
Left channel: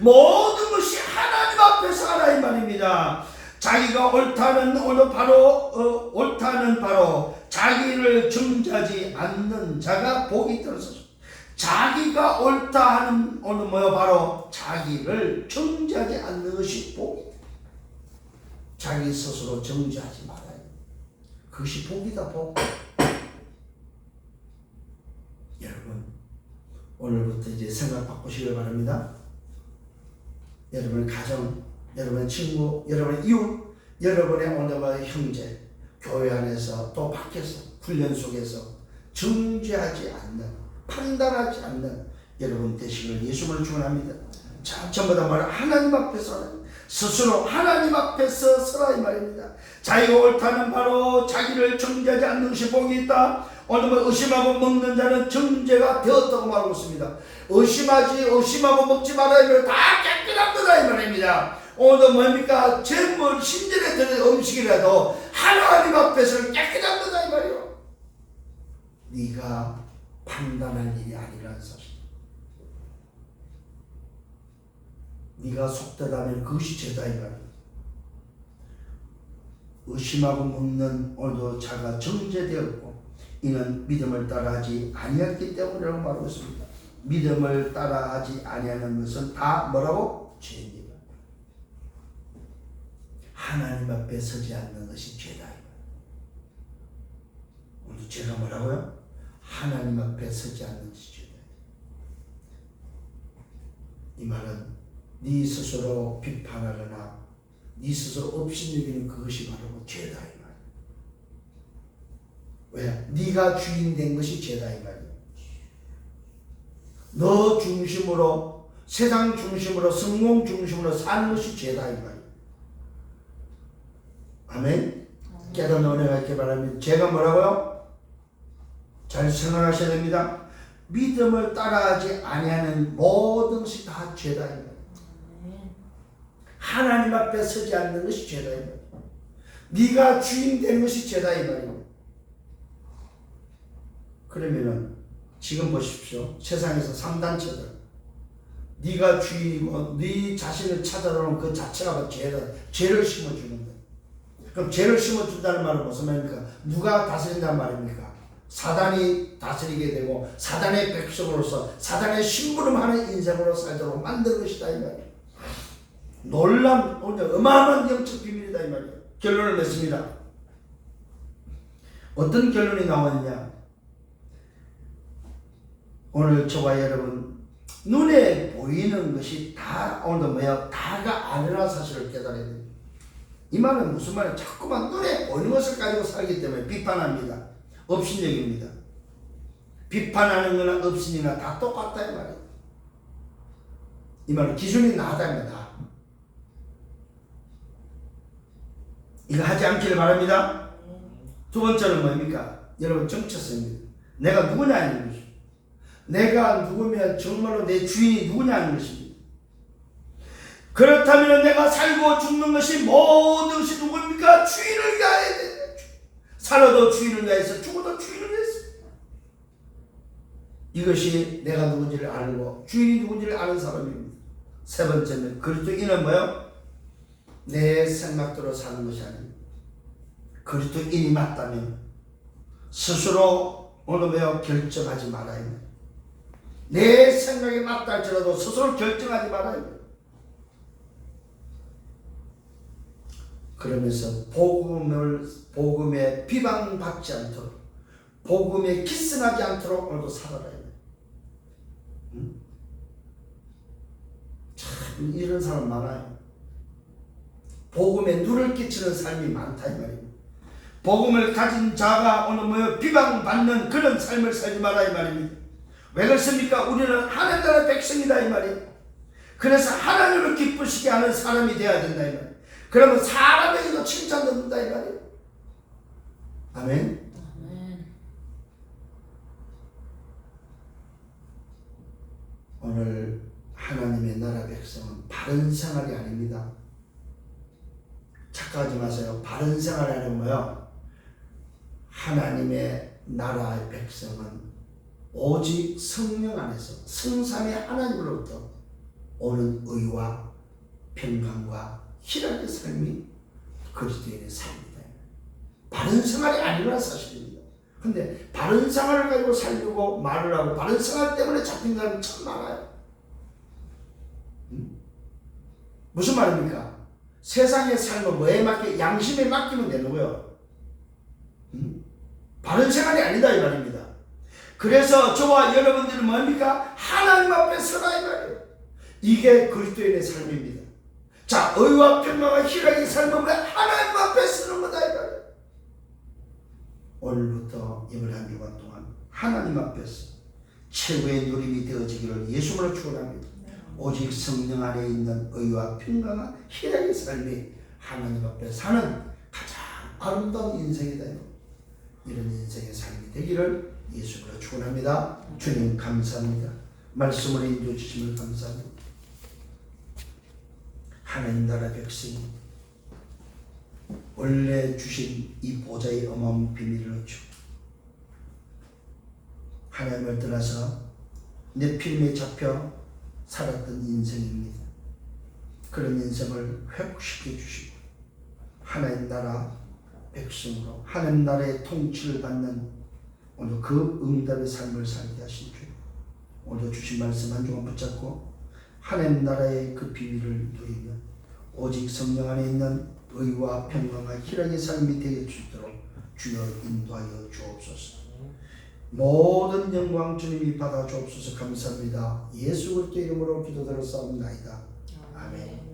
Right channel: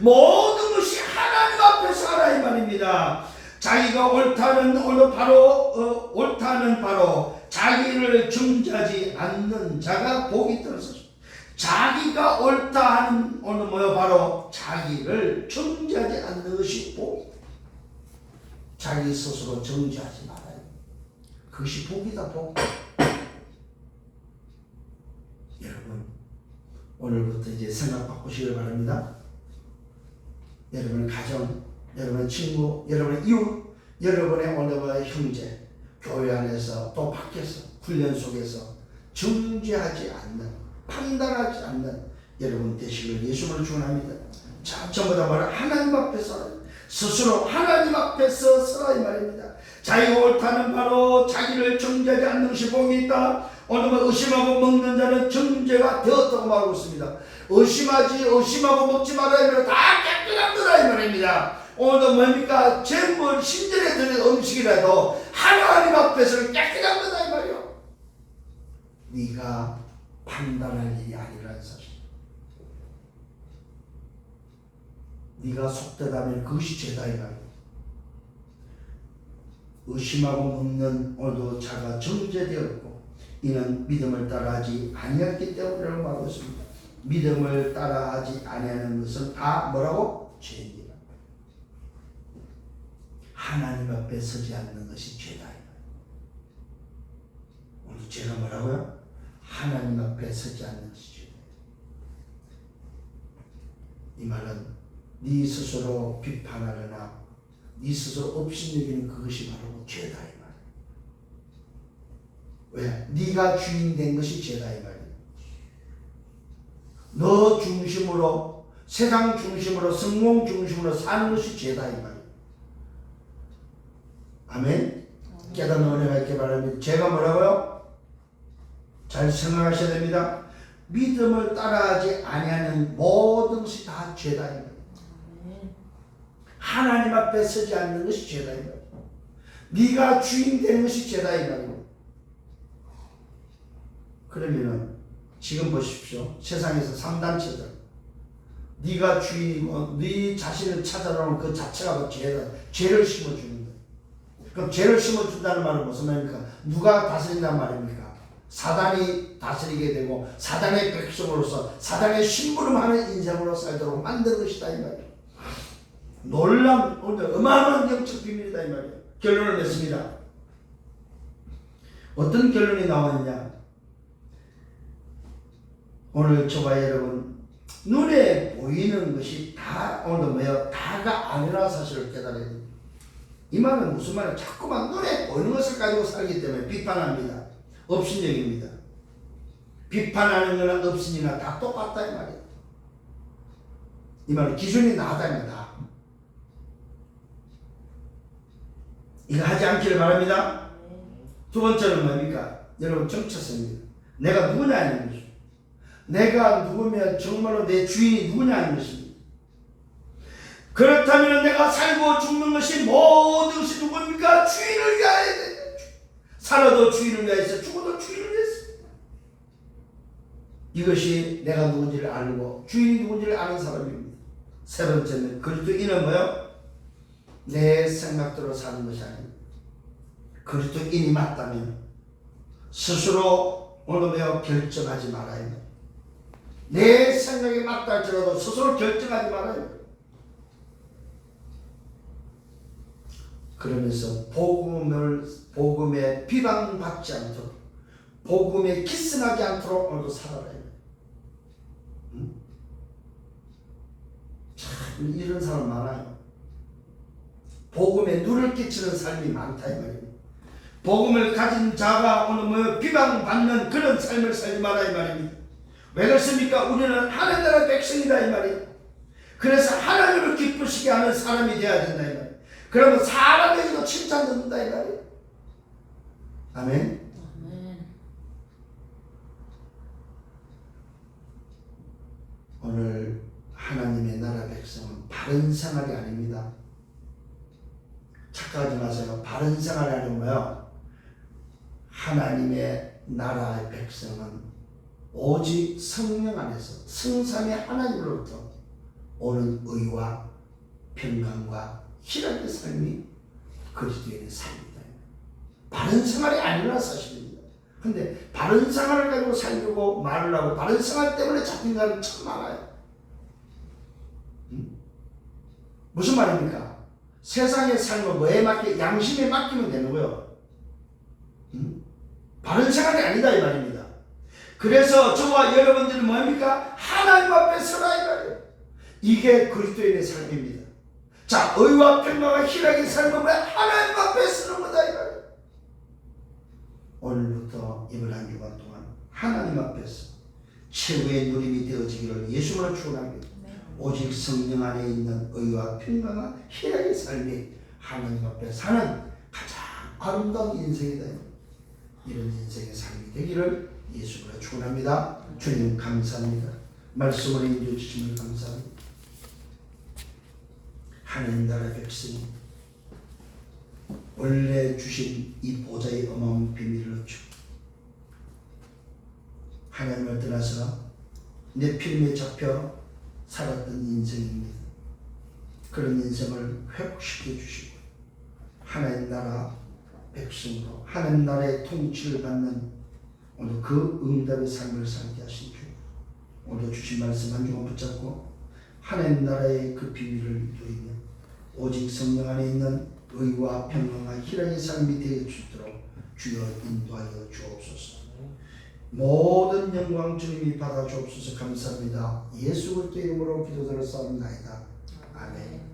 모든 것이 하나님 앞에서 하라 이 말입니다. 자기가 옳다는 바로 자기를 중재하지 않는 자가 복이 있다는 것이죠. 자기가 옳다 하는 오늘 바로 자기를 정죄하지 않는 것이 복이다. 자기 스스로 정죄하지 말아요. 그것이 복이다 복. 여러분 오늘부터 이제 생각 바꾸시길 바랍니다. 여러분의 가정, 여러분의 친구, 여러분의 이웃, 여러분의 오늘의 형제, 교회 안에서 또 밖에서 훈련 속에서 정죄하지 않는, 판단하지 않는 여러분 되시길 예수님을 축원합니다. 자, 전부 다 뭐라? 하나님 앞에서 스스로 하나님 앞에서 서라 이 말입니다. 자기가 옳다는 바로 자기를 정죄하지 않는 것이 복이 있다. 오늘 의심하고 먹는 자는 정죄가 되었다고 말하고 있습니다. 의심하고 먹지 말아야 다 깨끗한 거다 이 말입니다. 오늘도 뭡니까? 전부 신전에 드는 음식이라도 하나님 앞에서 깨끗한 거다 이 말이요. 네가 판단할 일이 아니라는 사실. 네가 속되다면 그것이 죄다 이 말이요. 의심하고 먹는 오늘도 자가 정죄되었고 이는 믿음을 따라하지 아니했기 때문이라고 말하고 있습니다. 믿음을 따라하지 아니하는 것은 다 뭐라고? 죄입니다. 하나님 앞에 서지 않는 것이 죄다. 오늘 죄가 뭐라고요? 하나님 앞에 서지 않는 것이 죄다. 이 말은 네 스스로 비판하거나 네 스스로 업신여기는 그것이 바로 죄다 이 말. 왜? 네가 주인 된 것이 죄다 이 말이야. 너 중심으로, 세상 중심으로, 성공 중심으로 사는 것이 죄다 이 말이야. 아멘. 깨닫는 은혜가 있게 바랍니다. 죄가 뭐라고요? 잘 생각하셔야 됩니다. 믿음을 따라하지 아니하는 모든 것이 다 죄다 이 말이야. 하나님 앞에 서지 않는 것이 죄다 이 말이야. 네가 주인 된 것이 죄다 이 말이야. 그러면은 지금 보십시오. 세상에서 3단체들 네가 주인이고 네 자신을 찾아오는 그 자체가 죄다. 죄를 심어주는 거예요. 그럼 죄를 심어준다는 말은 무슨 말입니까? 누가 다스린다는 말입니까? 사단이 다스리게 되고 사단의 백성으로서 사단의 심부름하는 인생으로 살도록 만든 것이다 이 말이에요. 놀라운 어마어마한 영적 비밀이다 이 말이에요. 결론을 냈습니다. 어떤 결론이 나왔느냐? 오늘 저와 여러분 눈에 보이는 것이 다 오늘 다가 아니라는 사실을 깨달아야 됩니다. 이 말은 무슨 말이에요? 자꾸만 눈에 보이는 것을 가지고 살기 때문에 비판합니다. 업신여깁니다. 비판하는 거나 업신이나 다 똑같다 이 말이에요. 이 말은 기준이 나다입니다. 이거 하지 않기를 바랍니다. 두 번째는 뭡니까? 여러분 정체성입니다. 내가 누구냐 하는 것이죠. 내가 누구면 정말로 내 주인이 누구냐 하는 것입니다. 그렇다면 내가 살고 죽는 것이 모든 것이 누구입니까? 주인을 위하여 된다. 살아도 주인을 위해서 죽어도 주인을 위해서. 이것이 내가 누군지를 알고 주인이 누군지를 아는 사람입니다. 세 번째는 그리스도인은 뭐요? 내 생각대로 사는 것이 아닙니다. 그리스도인이 맞다면 스스로 어느 뭐요 결정하지 말아야 합니다. 내 생각이 맞다 할지라도 스스로 결정하지 말아야 합니다. 그러면서 복음에 비방받지 않도록, 복음에 기스나지 않도록 오늘도 살아라. 참 이런 사람 많아요. 복음에 눈을 끼치는 삶이 많다 이 말입니다. 복음을 가진 자가 오늘 뭐 비방받는 그런 삶을 살지 마라 이 말입니다. 왜 그렇습니까? 우리는 하나님 나라 백성이다 이 말이에요. 그래서 하나님을 기쁘시게 하는 사람이 되어야 된다 이 말이에요. 그러면 사람에게도 칭찬 듣는다 이 말이에요. 아멘. 오늘 하나님의 나라 백성은 바른 생활이 아닙니다. 착각하지 마세요. 바른 생활이 아니면 뭐요? 하나님의 나라의 백성은 오직 성령 안에서 성삼위 하나님으로부터 오는 의와 평강과 희락의 삶이 그리스도인의 삶이다. 바른 생활이 아니라 사실입니다. 근데 바른 생활을 가지고 살려고 말을 하고 바른 생활 때문에 잡힌 사람이 참 많아요. 무슨 말입니까? 세상의 삶은 뭐에 맡겨? 양심에 맡기면 되는 거예요. 바른 생활이 아니다 이 말입니다. 그래서 저와 여러분들은 뭡니까? 하나님 앞에 서라 이 말이에요. 이게 그리스도인의 삶입니다. 자, 의와 평강과 희락의 삶은 하나님 앞에 서는 거다 이 말이에요. 오늘부터 이번 한 주간 동안 하나님 앞에서 최고의 누림이 되어지기를 예수님으로 축원합니다. 오직 성령 안에 있는 의와 평강과 희락의 삶이 하나님 앞에 사는 가장 아름다운 인생이다. 이런 인생의 삶이 되기를 예수님으로 축원합니다. 주님 감사합니다. 말씀을 인도해 주심을 감사합니다. 하나님 나라 백성이 원래 주신 이 보좌의 어마어마한 비밀을 얻죠. 하나님을 떠나서 내 필름에 잡혀 살았던 인생입니다. 그런 인생을 회복시켜 주시고 하나님 나라 백성으로 하나님 나라의 통치를 받는 오늘 그 응답의 삶을 살게 하신 주, 오늘 주신 말씀 한 주만 붙잡고 하나님 나라의 그 비밀을 누리며 오직 성령 안에 있는 의와 평강과 희락의 삶이 되어 주도록 주여 인도하여 주옵소서. 모든 영광 주님이 받아 주옵소서. 감사합니다. 예수 그리스도 이름으로 기도드렸사옵나이다. 아멘.